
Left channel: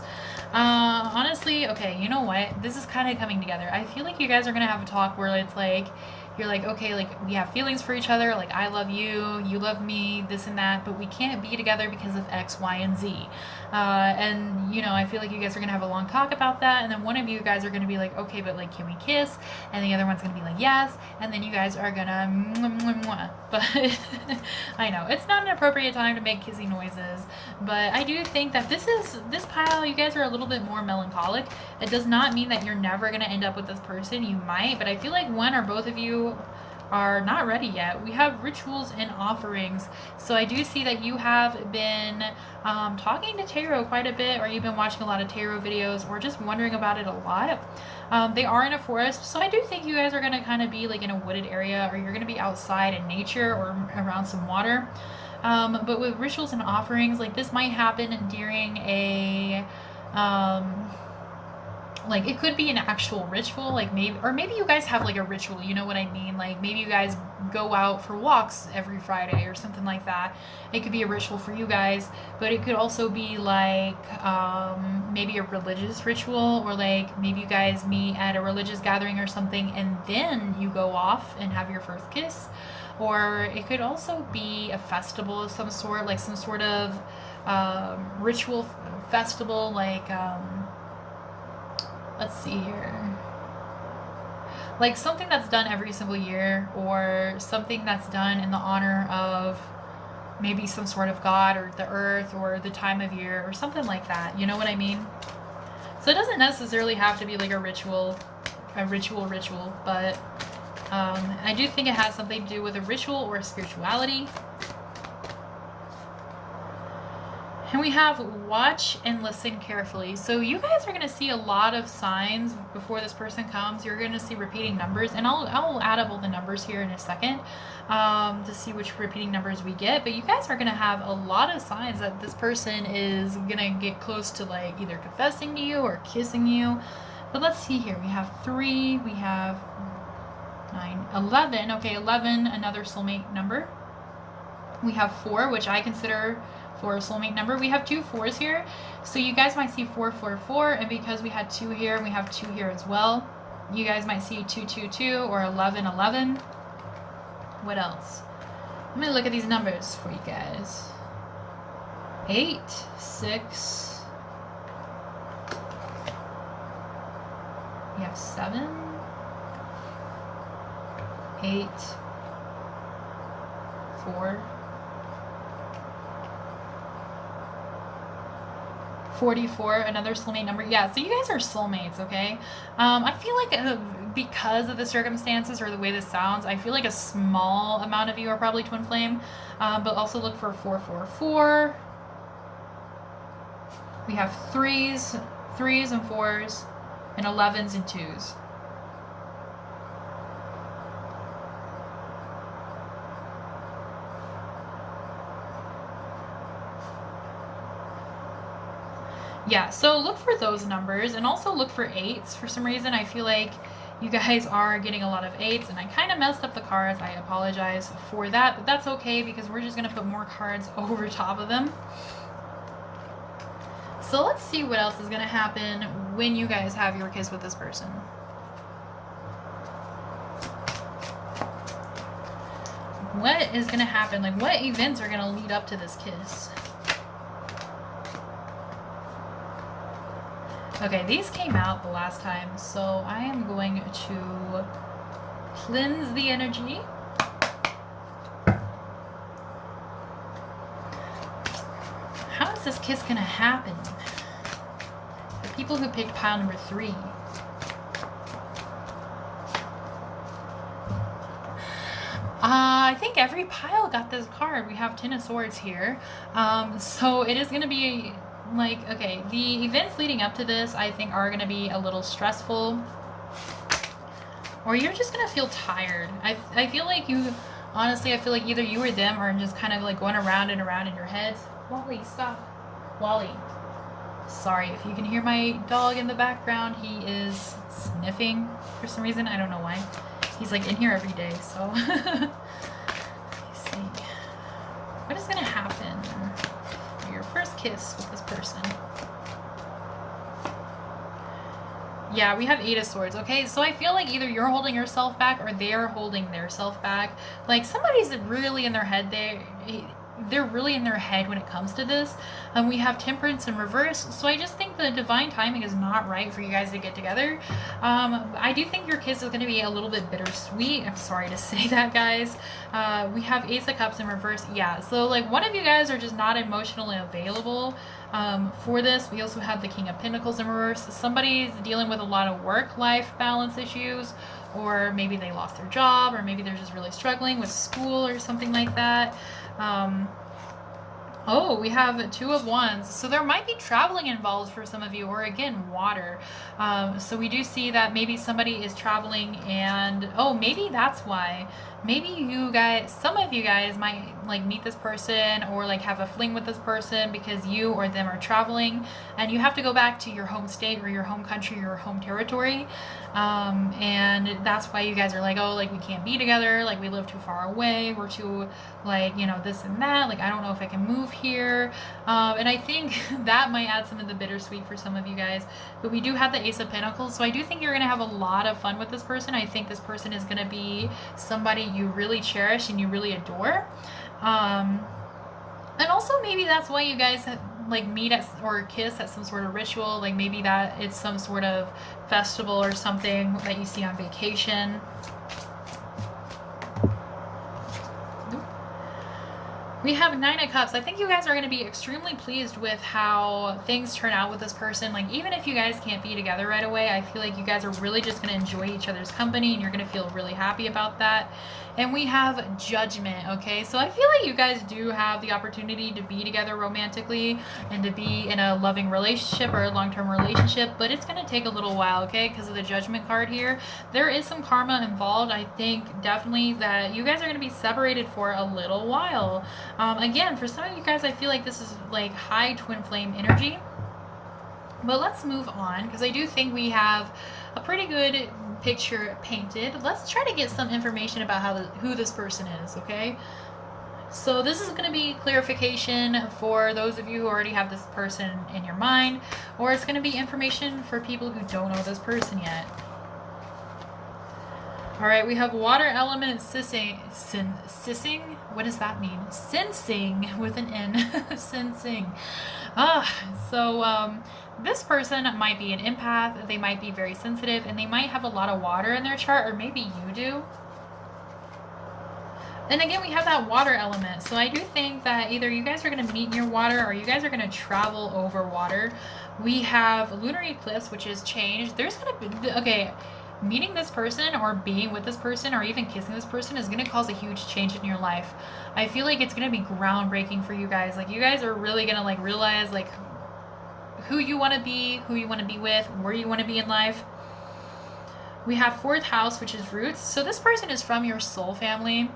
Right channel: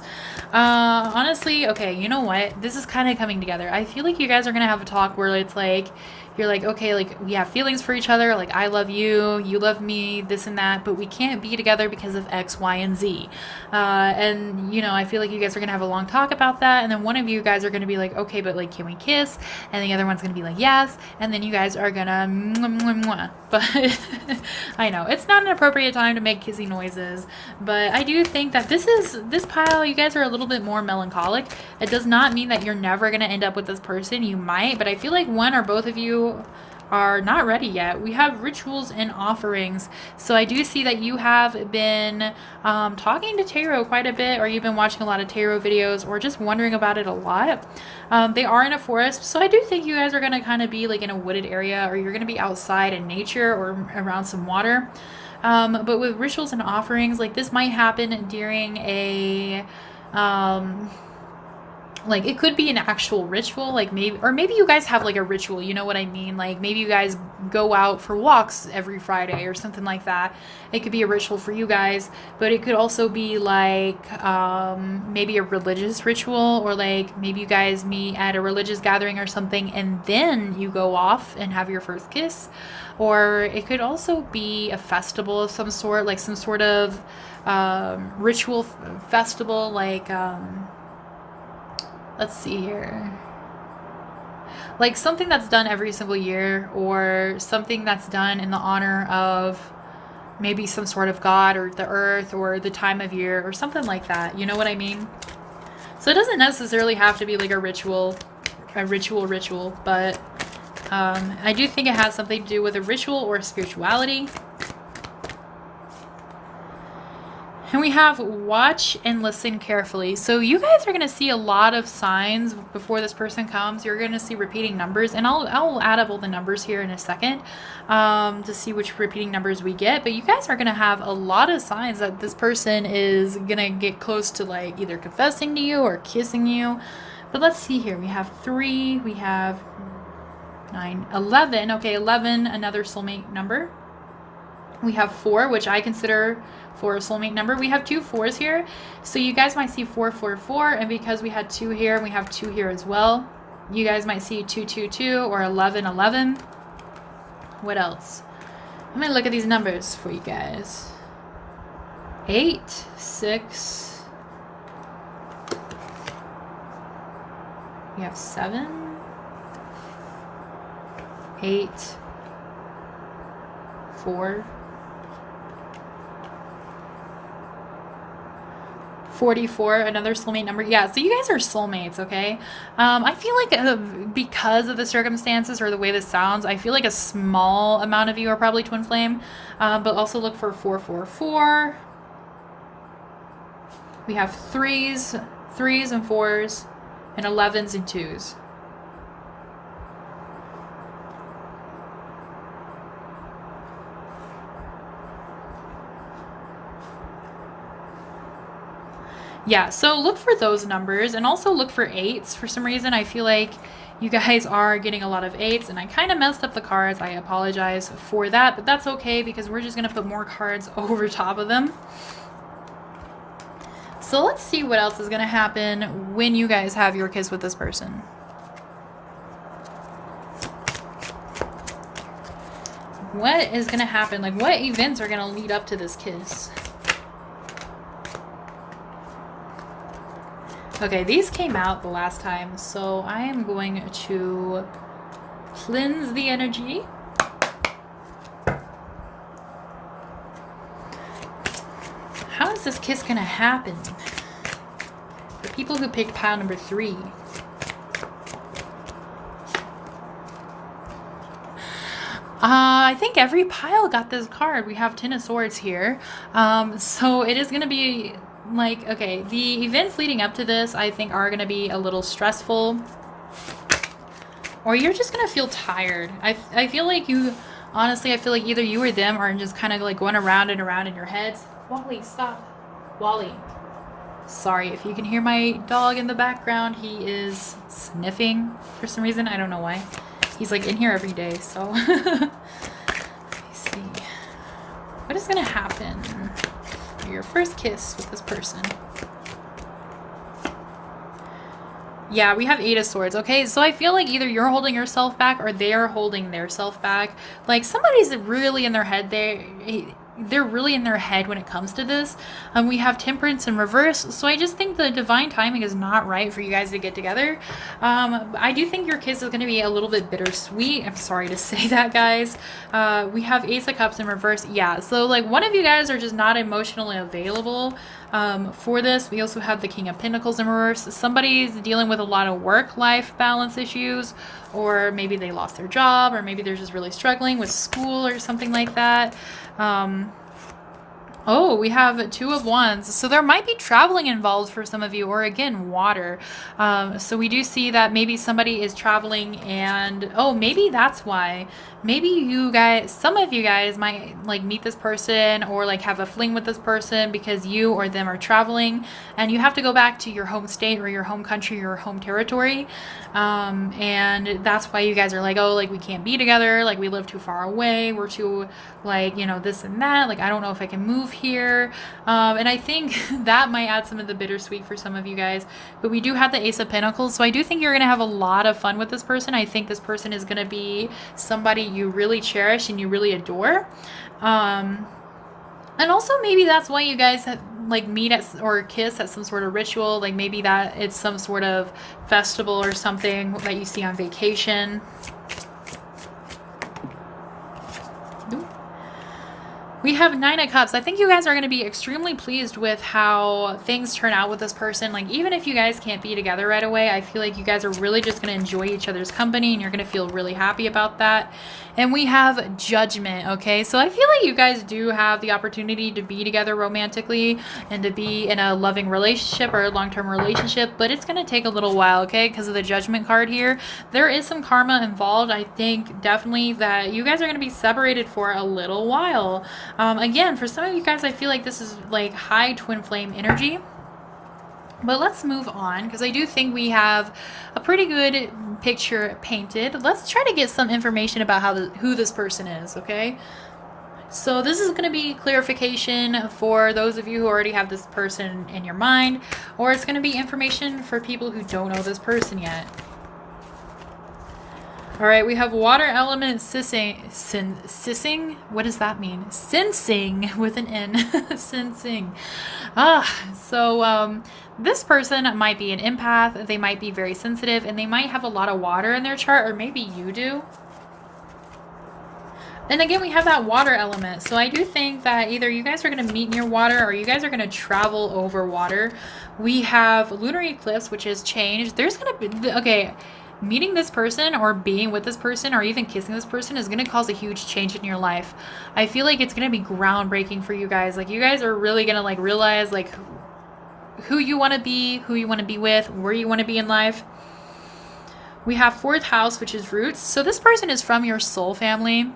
Honestly, okay, you know what? This is kind of coming together. I feel like you guys are going to have a talk where it's like, you're like, okay, like we have feelings for each other. Like I love you, you love me, this and that, but we can't be together because of X, Y, and Z. And you know, I feel like you guys are going to have a long talk about that. And then one of you guys are going to be like, okay, but like, can we kiss? And the other one's going to be like, yes. And then you guys are going to mwah, mwah, mwah. But I know it's not an appropriate time to make kissing noises, but I do think that this pile, you guys are a little bit more melancholic. It does not mean that you're never going to end up with this person. You might, but I feel like one or both of you are not ready yet. We have Rituals and Offerings. So I do see that you have been talking to tarot quite a bit, or you've been watching a lot of tarot videos, or just wondering about it a lot. They are in a forest, so I do think you guys are going to kind of be like in a wooded area, or you're going to be outside in nature or around some water. But with Rituals and Offerings, like this might happen during a like it could be an actual ritual, like maybe you guys have like a ritual, you know what I mean? Like maybe you guys go out for walks every Friday or something like that. It could be a ritual for you guys, but it could also be like maybe a religious ritual, or like maybe you guys meet at a religious gathering or something and then you go off and have your first kiss. Or it could also be a festival of some sort, like some sort of ritual festival, like let's see here. Like something that's done every single year, or something that's done in the honor of maybe some sort of god or the earth or the time of year or something like that. You know what I mean? So it doesn't necessarily have to be like a ritual, but I do think it has something to do with a ritual or spirituality. And we have watch and listen carefully. So you guys are going to see a lot of signs before this person comes. You're going to see repeating numbers, and I'll add up all the numbers here in a second to see which repeating numbers we get. But you guys are going to have a lot of signs that this person is going to get close to like either confessing to you or kissing you. But let's see here. We have 3, we have 9, 11. Okay, 11, another soulmate number. We have 4, which I consider for a soulmate number. We have 2 4s here, so you guys might see 4 4 4, and because we had 2 here, we have 2 here as well. You guys might see 2 2 2 or 11 11. What else? Let me look at these numbers for you guys. 8 6. We have 7 8 4 44, another soulmate number. Yeah, so you guys are soulmates, okay? I feel like because of the circumstances or the way this sounds, I feel like a small amount of you are probably twin flame. But also look for 444. We have 3s and 4s, and 11s and 2s. Yeah, so look for those numbers, and also look for 8s. For some reason, I feel like you guys are getting a lot of 8s, and I kind of messed up the cards. I apologize for that, but that's okay because we're just going to put more cards over top of them. So let's see what else is going to happen when you guys have your kiss with this person. What is going to happen? Like, what events are going to lead up to this kiss? Okay, these came out the last time, so I am going to cleanse the energy. How is this kiss going to happen? For people who picked pile number 3. I think every pile got this card. We have 10 of Swords here. So it is going to be like, okay, the events leading up to this, I think, are going to be a little stressful. Or you're just going to feel tired. I feel like you, honestly, I feel like either you or them are just kind of like going around and around in your heads. Wally, stop. Wally. Sorry if you can hear my dog in the background. He is sniffing for some reason. I don't know why. He's like in here every day, so. Let me see. What is going to happen for your first kiss with this person? Yeah, we have 8 of Swords, okay? So I feel like either you're holding yourself back or they're holding their self back. Like, somebody's really in their head. They're really in their head when it comes to this. We have Temperance in reverse, so I just think the divine timing is not right for you guys to get together. I do think your kiss is going to be a little bit bittersweet. I'm sorry to say that, guys. We have Ace of Cups in reverse. Yeah, so like one of you guys are just not emotionally available for this. We also have the King of Pentacles in reverse. Somebody's dealing with a lot of work-life balance issues, or maybe they lost their job, or maybe they're just really struggling with school or something like that. Oh, we have 2 of Wands. So there might be traveling involved for some of you, or again, water. So we do see that maybe somebody is traveling, and oh, maybe that's why. Maybe you guys, some of you guys might like meet this person or like have a fling with this person because you or them are traveling and you have to go back to your home state or your home country, your home territory. And that's why you guys are like, oh, like we can't be together. Like we live too far away. We're too like, you know, this and that. Like, I don't know if I can move here. And I think that might add some of the bittersweet for some of you guys, but we do have the Ace of Pentacles. So I do think you're going to have a lot of fun with this person. I think this person is going to be somebody you really cherish and you really adore. And also maybe that's why you guys have, like meet at or kiss at some sort of ritual. Like maybe that it's some sort of festival or something that you see on vacation. We have 9 of Cups. I think you guys are going to be extremely pleased with how things turn out with this person. Like, even if you guys can't be together right away, I feel like you guys are really just going to enjoy each other's company and you're going to feel really happy about that. And we have Judgment, okay? So I feel like you guys do have the opportunity to be together romantically and to be in a loving relationship or a long-term relationship, but it's going to take a little while, okay? Because of the Judgment card here. There is some karma involved. I think definitely that you guys are going to be separated for a little while. Again, for some of you guys, I feel like this is like high twin flame energy. But let's move on, because I do think we have a pretty good picture painted. Let's try to get some information about who this person is, okay? So this is going to be clarification for those of you who already have this person in your mind, or it's going to be information for people who don't know this person yet. All right, we have water element sissing. What does that mean? Sensing with an N. Sensing. So this person might be an empath. They might be very sensitive, and they might have a lot of water in their chart, or maybe you do. And again, we have that water element. So I do think that either you guys are going to meet near water, or you guys are going to travel over water. We have lunar eclipse, which is change. There's going to be, okay, meeting this person or being with this person or even kissing this person is going to cause a huge change in your life. I feel like it's going to be groundbreaking for you guys. Like, you guys are really going to like realize like who you want to be, who you want to be with, where you want to be in life. We have fourth house, which is roots. So this person is from your soul family.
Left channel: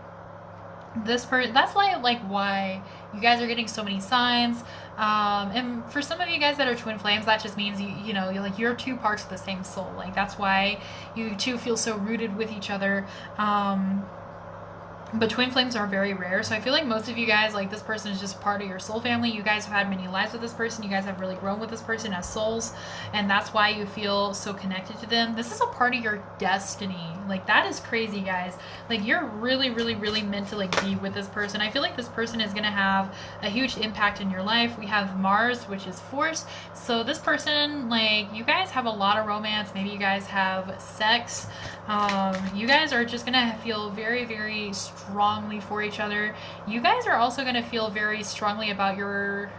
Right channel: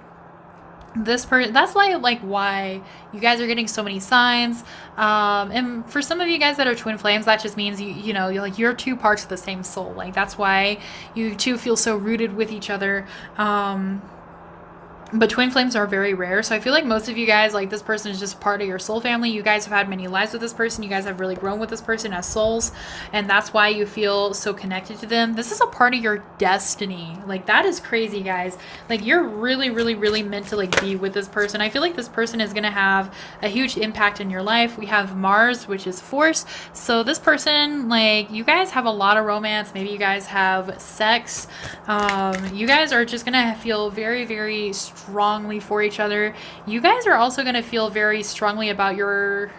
This person, that's why you guys are getting so many signs. And for some of you guys that are twin flames, that just means you know, you're two parts of the same soul. Like, that's why you two feel so rooted with each other. But twin flames are very rare. So I feel like most of you guys, like, this person is just part of your soul family. You guys have had many lives with this person. You guys have really grown with this person as souls. And that's why you feel so connected to them. This is a part of your destiny. Like, that is crazy, guys. Like, you're really, really, really meant to, like, be with this person. I feel like this person is going to have a huge impact in your life. We have Mars, which is force. So this person, like, you guys have a lot of romance. Maybe you guys have sex. You guys are just going to feel very, very strongly for each other. You guys are also going to feel very strongly about your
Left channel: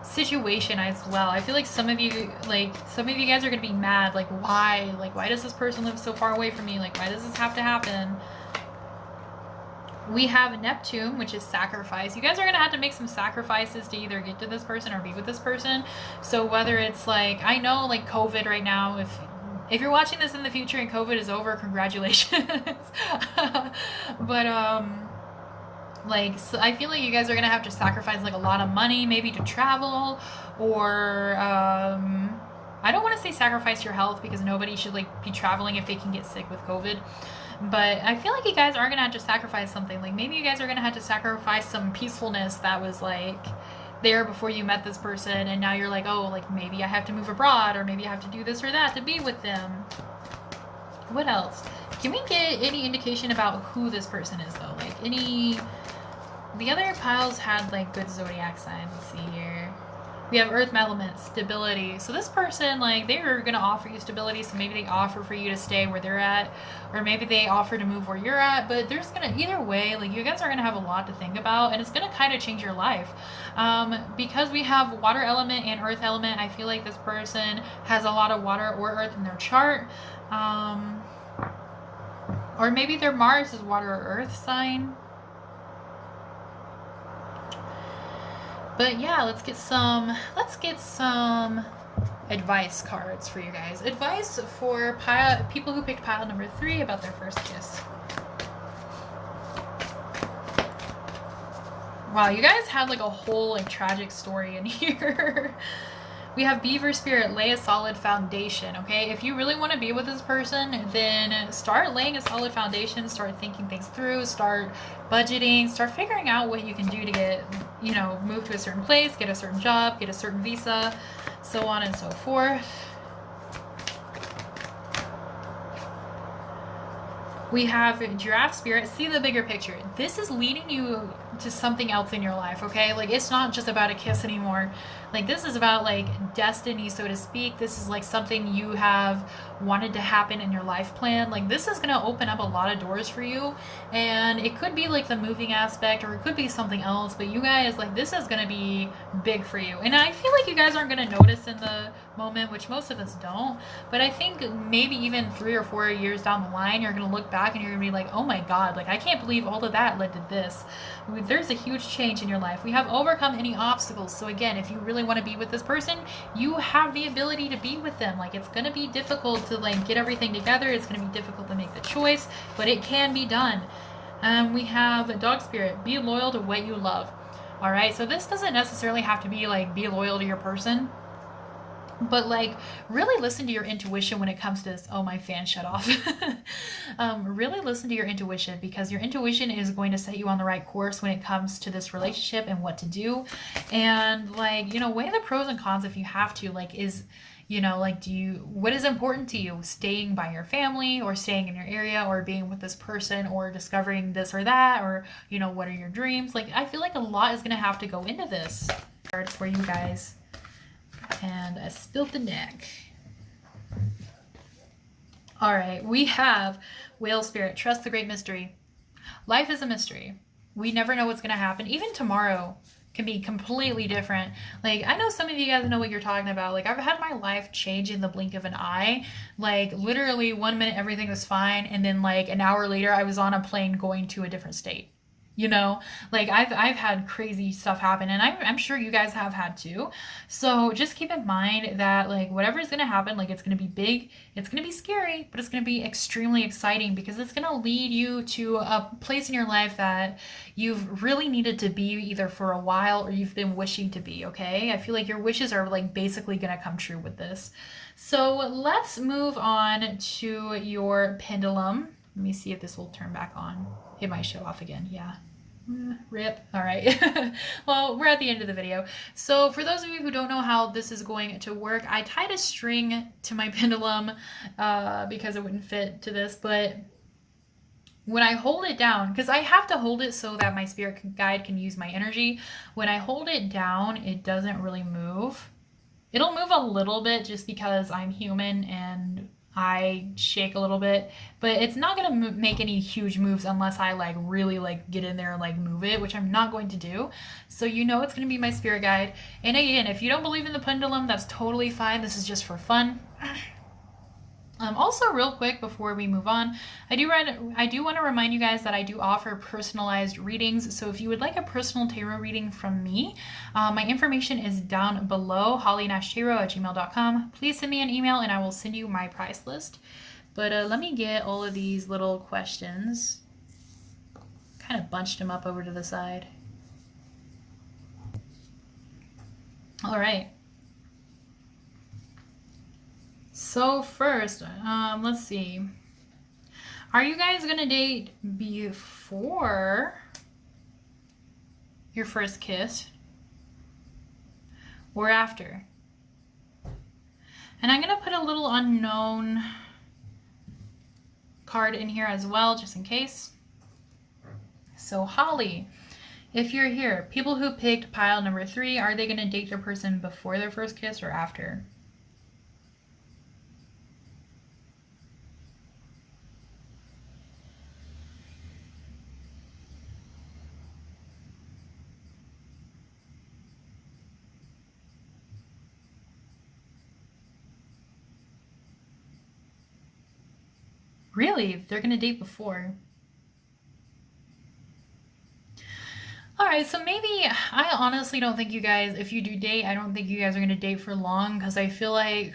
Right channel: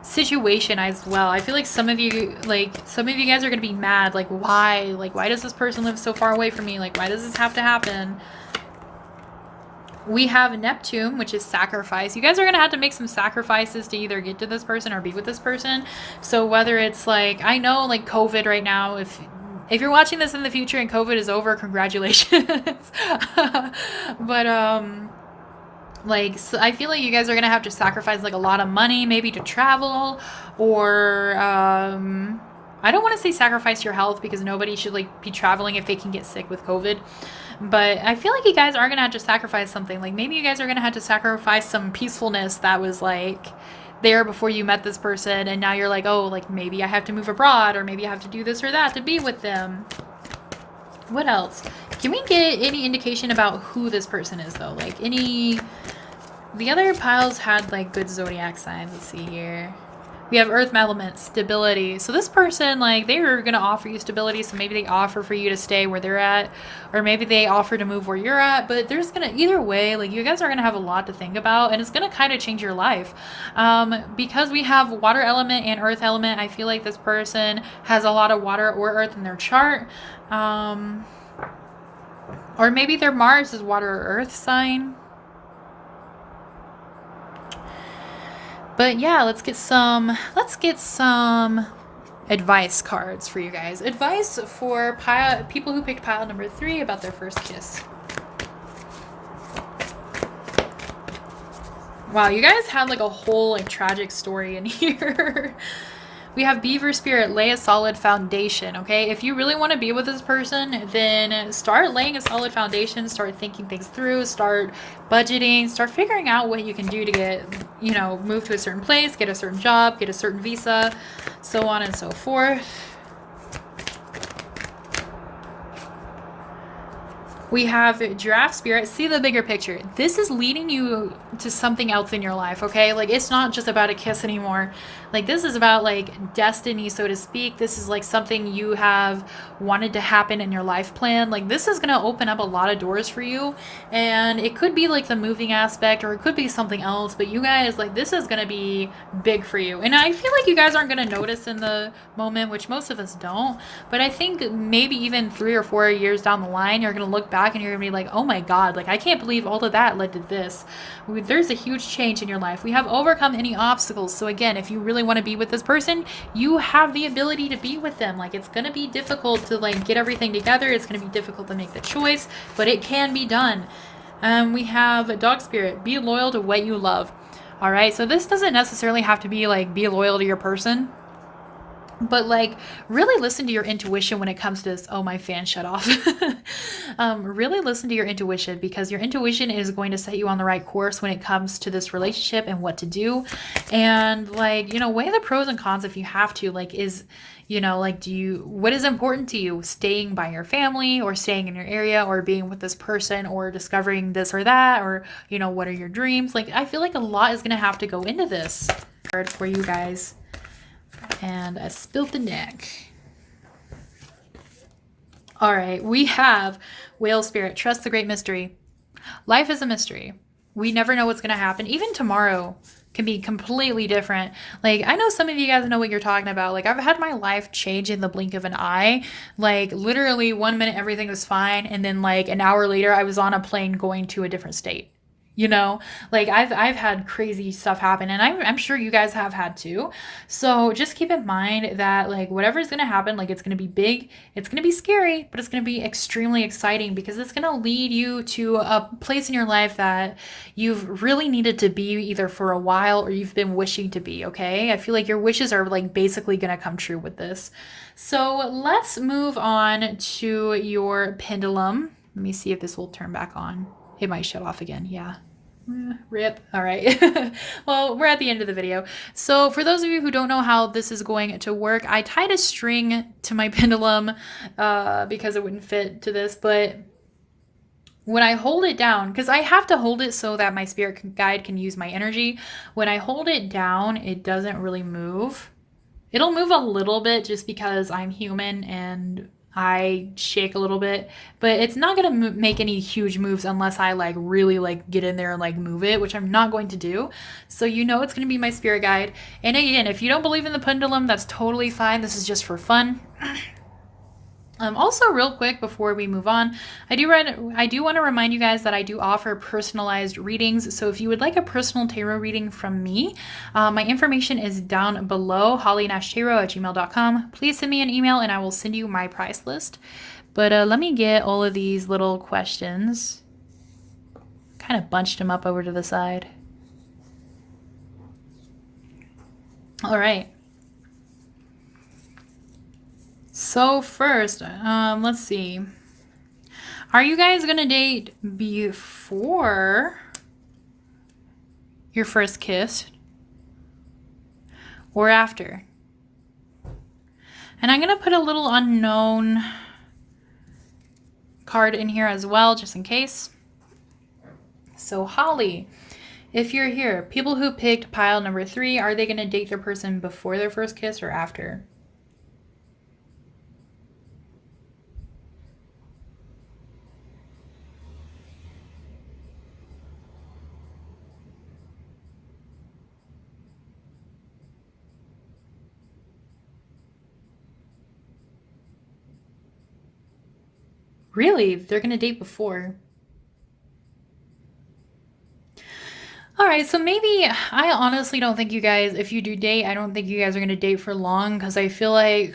situation as well. I feel like some of you guys are going to be mad. Like, why does this person live so far away from me? Like, why does this have to happen? We have Neptune, which is sacrifice. You guys are going to have to make some sacrifices to either get to this person or be with this person. So whether it's like, I know like COVID right now, if you're watching this in the future and COVID is over, congratulations. But like, so I feel like you guys are gonna have to sacrifice like a lot of money, maybe to travel, or I don't want to say sacrifice your health, because nobody should like be traveling if they can get sick with COVID. But I feel like you guys are gonna have to sacrifice something. Like, maybe you guys are gonna have to sacrifice some peacefulness that was like there before you met this person, and now you're like, oh, like, maybe I have to move abroad, or maybe I have to do this or that to be with them. What else? Can we get any indication about who this person is, though? Like, the other piles had like good zodiac signs. Let's see here. We have earth element, stability. So this person, like, they're going to offer you stability. So maybe they offer for you to stay where they're at, or maybe they offer to move where you're at. But there's going to, either way, like, you guys are going to have a lot to think about, and it's going to kind of change your life. Because we have water element and earth element, I feel like this person has a lot of water or earth in their chart. Or maybe their Mars is water or earth sign. But yeah, let's get some advice cards for you guys. Advice for people who picked pile number 3 about their first kiss. Wow, you guys had like a whole like tragic story in here. We have Beaver Spirit, lay a solid foundation, okay? If you really want to be with this person, then start laying a solid foundation, start thinking things through, start budgeting, start figuring out what you can do to get, you know, move to a certain place, get a certain job, get a certain visa, so on and so forth. We have Giraffe Spirit, see the bigger picture. This is leading you to something else in your life, okay? Like, it's not just about a kiss anymore. Like, this is about like destiny, so to speak. This is like something you have wanted to happen in your life plan. Like, this is going to open up a lot of doors for you, and it could be like the moving aspect, or it could be something else, but you guys, like, this is going to be big for you. And I feel like you guys aren't going to notice in the moment, which most of us don't, but I think maybe even 3 or 4 years down the line, you're going to look back back and you're gonna be like, oh my God, like I can't believe all of that led to this. There's a huge change in your life. We have overcome any obstacles. So again, if you really want to be with this person, you have the ability to be with them. Like it's gonna be difficult to like get everything together. It's gonna be difficult to make the choice, but it can be done. We have dog spirit. Be loyal to what you love. All right. So this doesn't necessarily have to be like be loyal to your person, but like really listen to your intuition when it comes to this. Oh, my fan shut off. Really listen to your intuition, because your intuition is going to set you on the right course when it comes to this relationship and what to do. And like, you know, weigh the pros and cons if you have to. Like, is, you know, like, what is important to you? Staying by your family, or staying in your area, or being with this person, or discovering this or that, or, you know, what are your dreams? Like, I feel like a lot is going to have to go into this for you guys. And I spilled the deck. All right, we have Whale Spirit. Trust the great mystery. Life is a mystery. We never know what's going to happen. Even tomorrow can be completely different. Like, I know some of you guys know what you're talking about. Like, I've had my life change in the blink of an eye. Like, literally 1 minute everything was fine, and then like an hour later I was on a plane going to a different state. You know, like I've had crazy stuff happen, and I'm sure you guys have had too. So just keep in mind that like whatever is going to happen, like it's going to be big, it's going to be scary, but it's going to be extremely exciting, because it's going to lead you to a place in your life that you've really needed to be either for a while or you've been wishing to be. Okay, I feel like your wishes are like basically going to come true with this. So let's move on to your pendulum. Let me see if this will turn back on. It might shut off again. Yeah. Rip. All right. Well, we're at the end of the video. So for those of you who don't know how this is going to work, I tied a string to my pendulum because it wouldn't fit to this. But when I hold it down, because I have to hold it so that my spirit guide can use my energy. When I hold it down, it doesn't really move. It'll move a little bit just because I'm human and I shake a little bit, but it's not going to make any huge moves unless I like really like get in there and like move it, which I'm not going to do. So you know it's going to be my spirit guide. And again, if you don't believe in the pendulum, that's totally fine. This is just for fun. Also, real quick before we move on, I do want to remind you guys that I do offer personalized readings. So if you would like a personal tarot reading from me, my information is down below, hollyandashtarot@gmail.com. Please send me an email and I will send you my price list. But let me get all of these little questions. Kind of bunched them up over to the side. All right. So first, let's see. Are you guys gonna date before your first kiss or after? And I'm gonna put a little unknown card in here as well, just in case. So Holly, if you're here, people who picked pile number 3, are they gonna date their person before their first kiss or after? Really? They're gonna date before. All right, so maybe, I honestly don't think you guys, if you do date, I don't think you guys are gonna date for long, because I feel like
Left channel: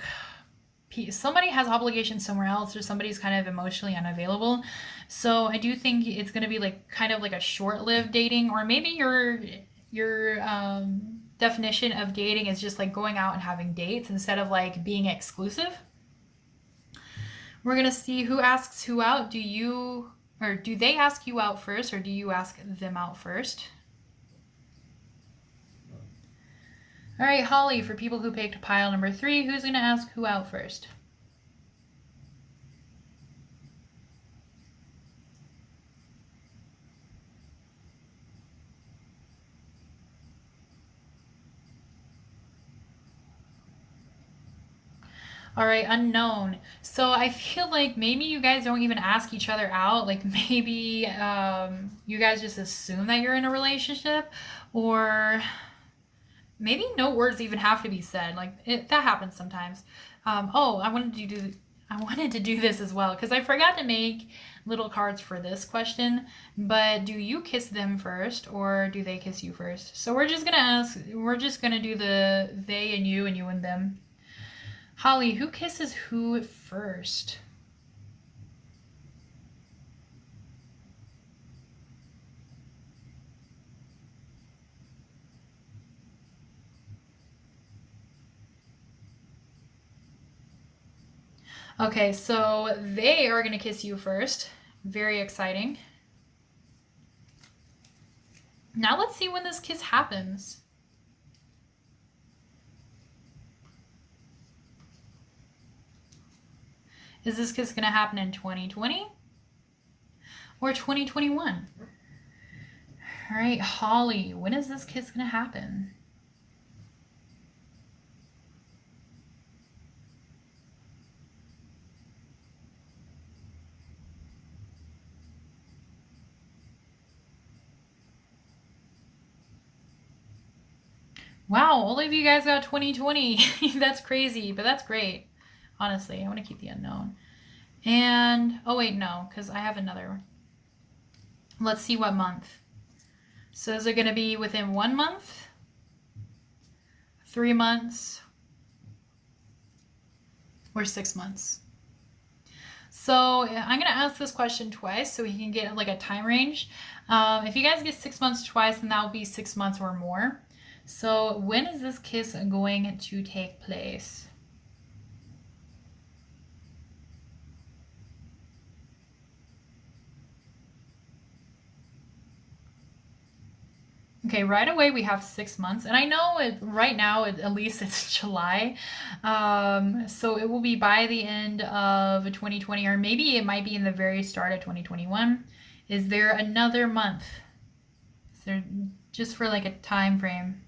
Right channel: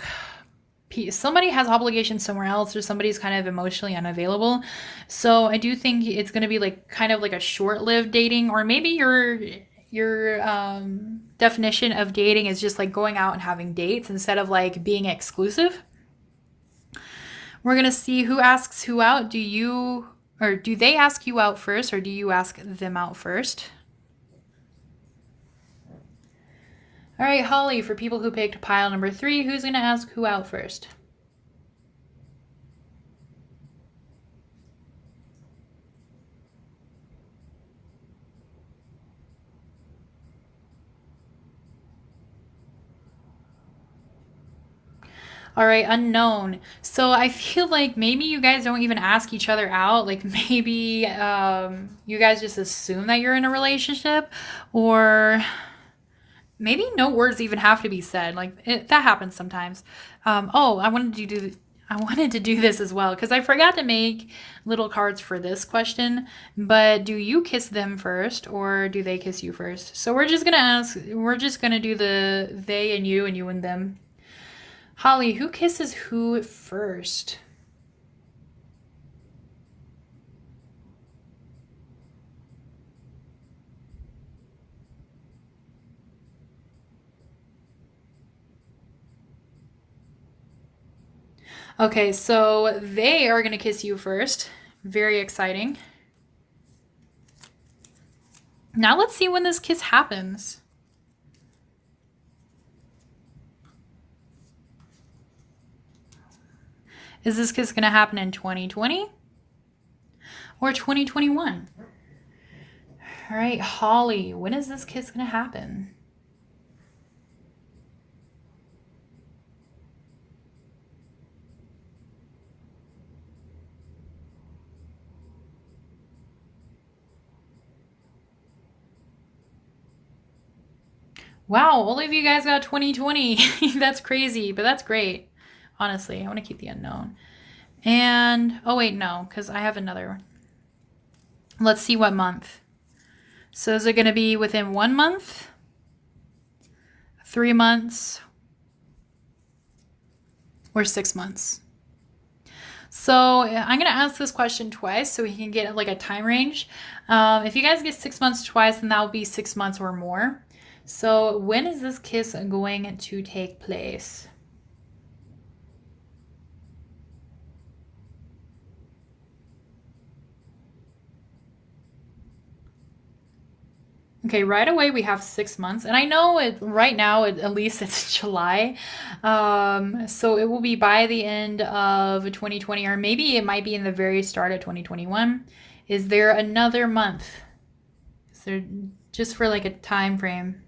somebody has obligations somewhere else, or somebody's kind of emotionally unavailable. So I do think it's gonna be like kind of like a short-lived dating, or maybe your definition of dating is just like going out and having dates instead of like being exclusive. We're going to see who asks who out. Do they ask you out first, or do you ask them out first? All right, Holly, for people who picked pile number 3, who's going to ask who out first? All right, unknown. So I feel like maybe you guys don't even ask each other out. Like maybe you guys just assume that you're in a relationship, or maybe no words even have to be said. Like that happens sometimes. Oh, I wanted to do this as well because I forgot to make little cards for this question, but do you kiss them first or do they kiss you first? So we're just going to do the they and you and them. Holly, who kisses who first? Okay, so they are going to kiss you first. Very exciting. Now let's see when this kiss happens. Is this kiss going to happen in 2020 or 2021? All right, Holly, when is this kiss going to happen? Wow, all of you guys got 2020. That's crazy, but that's great. Honestly, I want to keep the unknown. And, oh wait, no, because I have another. Let's see what month. So is it going to be within 1 month, 3 months, or 6 months? So I'm going to ask this question twice so we can get like a time range. If you guys get 6 months twice, then that will be 6 months or more. So when is this kiss going to take place? Okay, right away we have 6 months, and I know it right now. At least it's July, so it will be by the end of 2020, or maybe it might be in the very start of 2021. Is there another month? So just for like a time frame.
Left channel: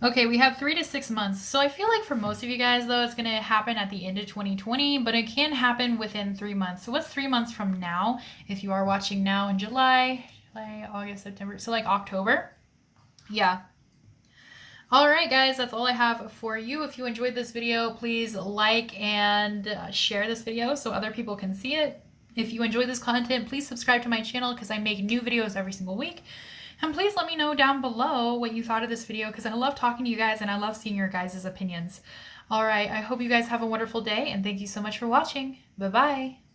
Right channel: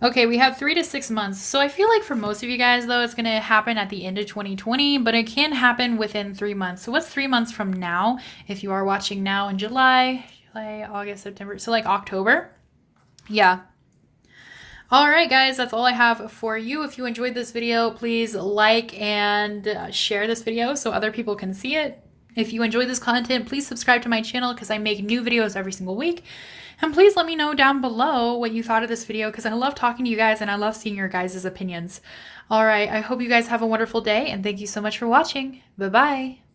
Okay, we have 3 to 6 months. So I feel like for most of you guys, though, it's going to happen at the end of 2020, but it can happen within 3 months. So what's 3 months from now? If you are watching now in July, August, September, so like October. Yeah. All right, guys, that's all I have for you. If you enjoyed this video, please like and share this video so other people can see it. If you enjoyed this content, please subscribe to my channel because I make new videos every single week. And please let me know down below what you thought of this video because I love talking to you guys and I love seeing your guys' opinions. All right, I hope you guys have a wonderful day and thank you so much for watching. Bye-bye.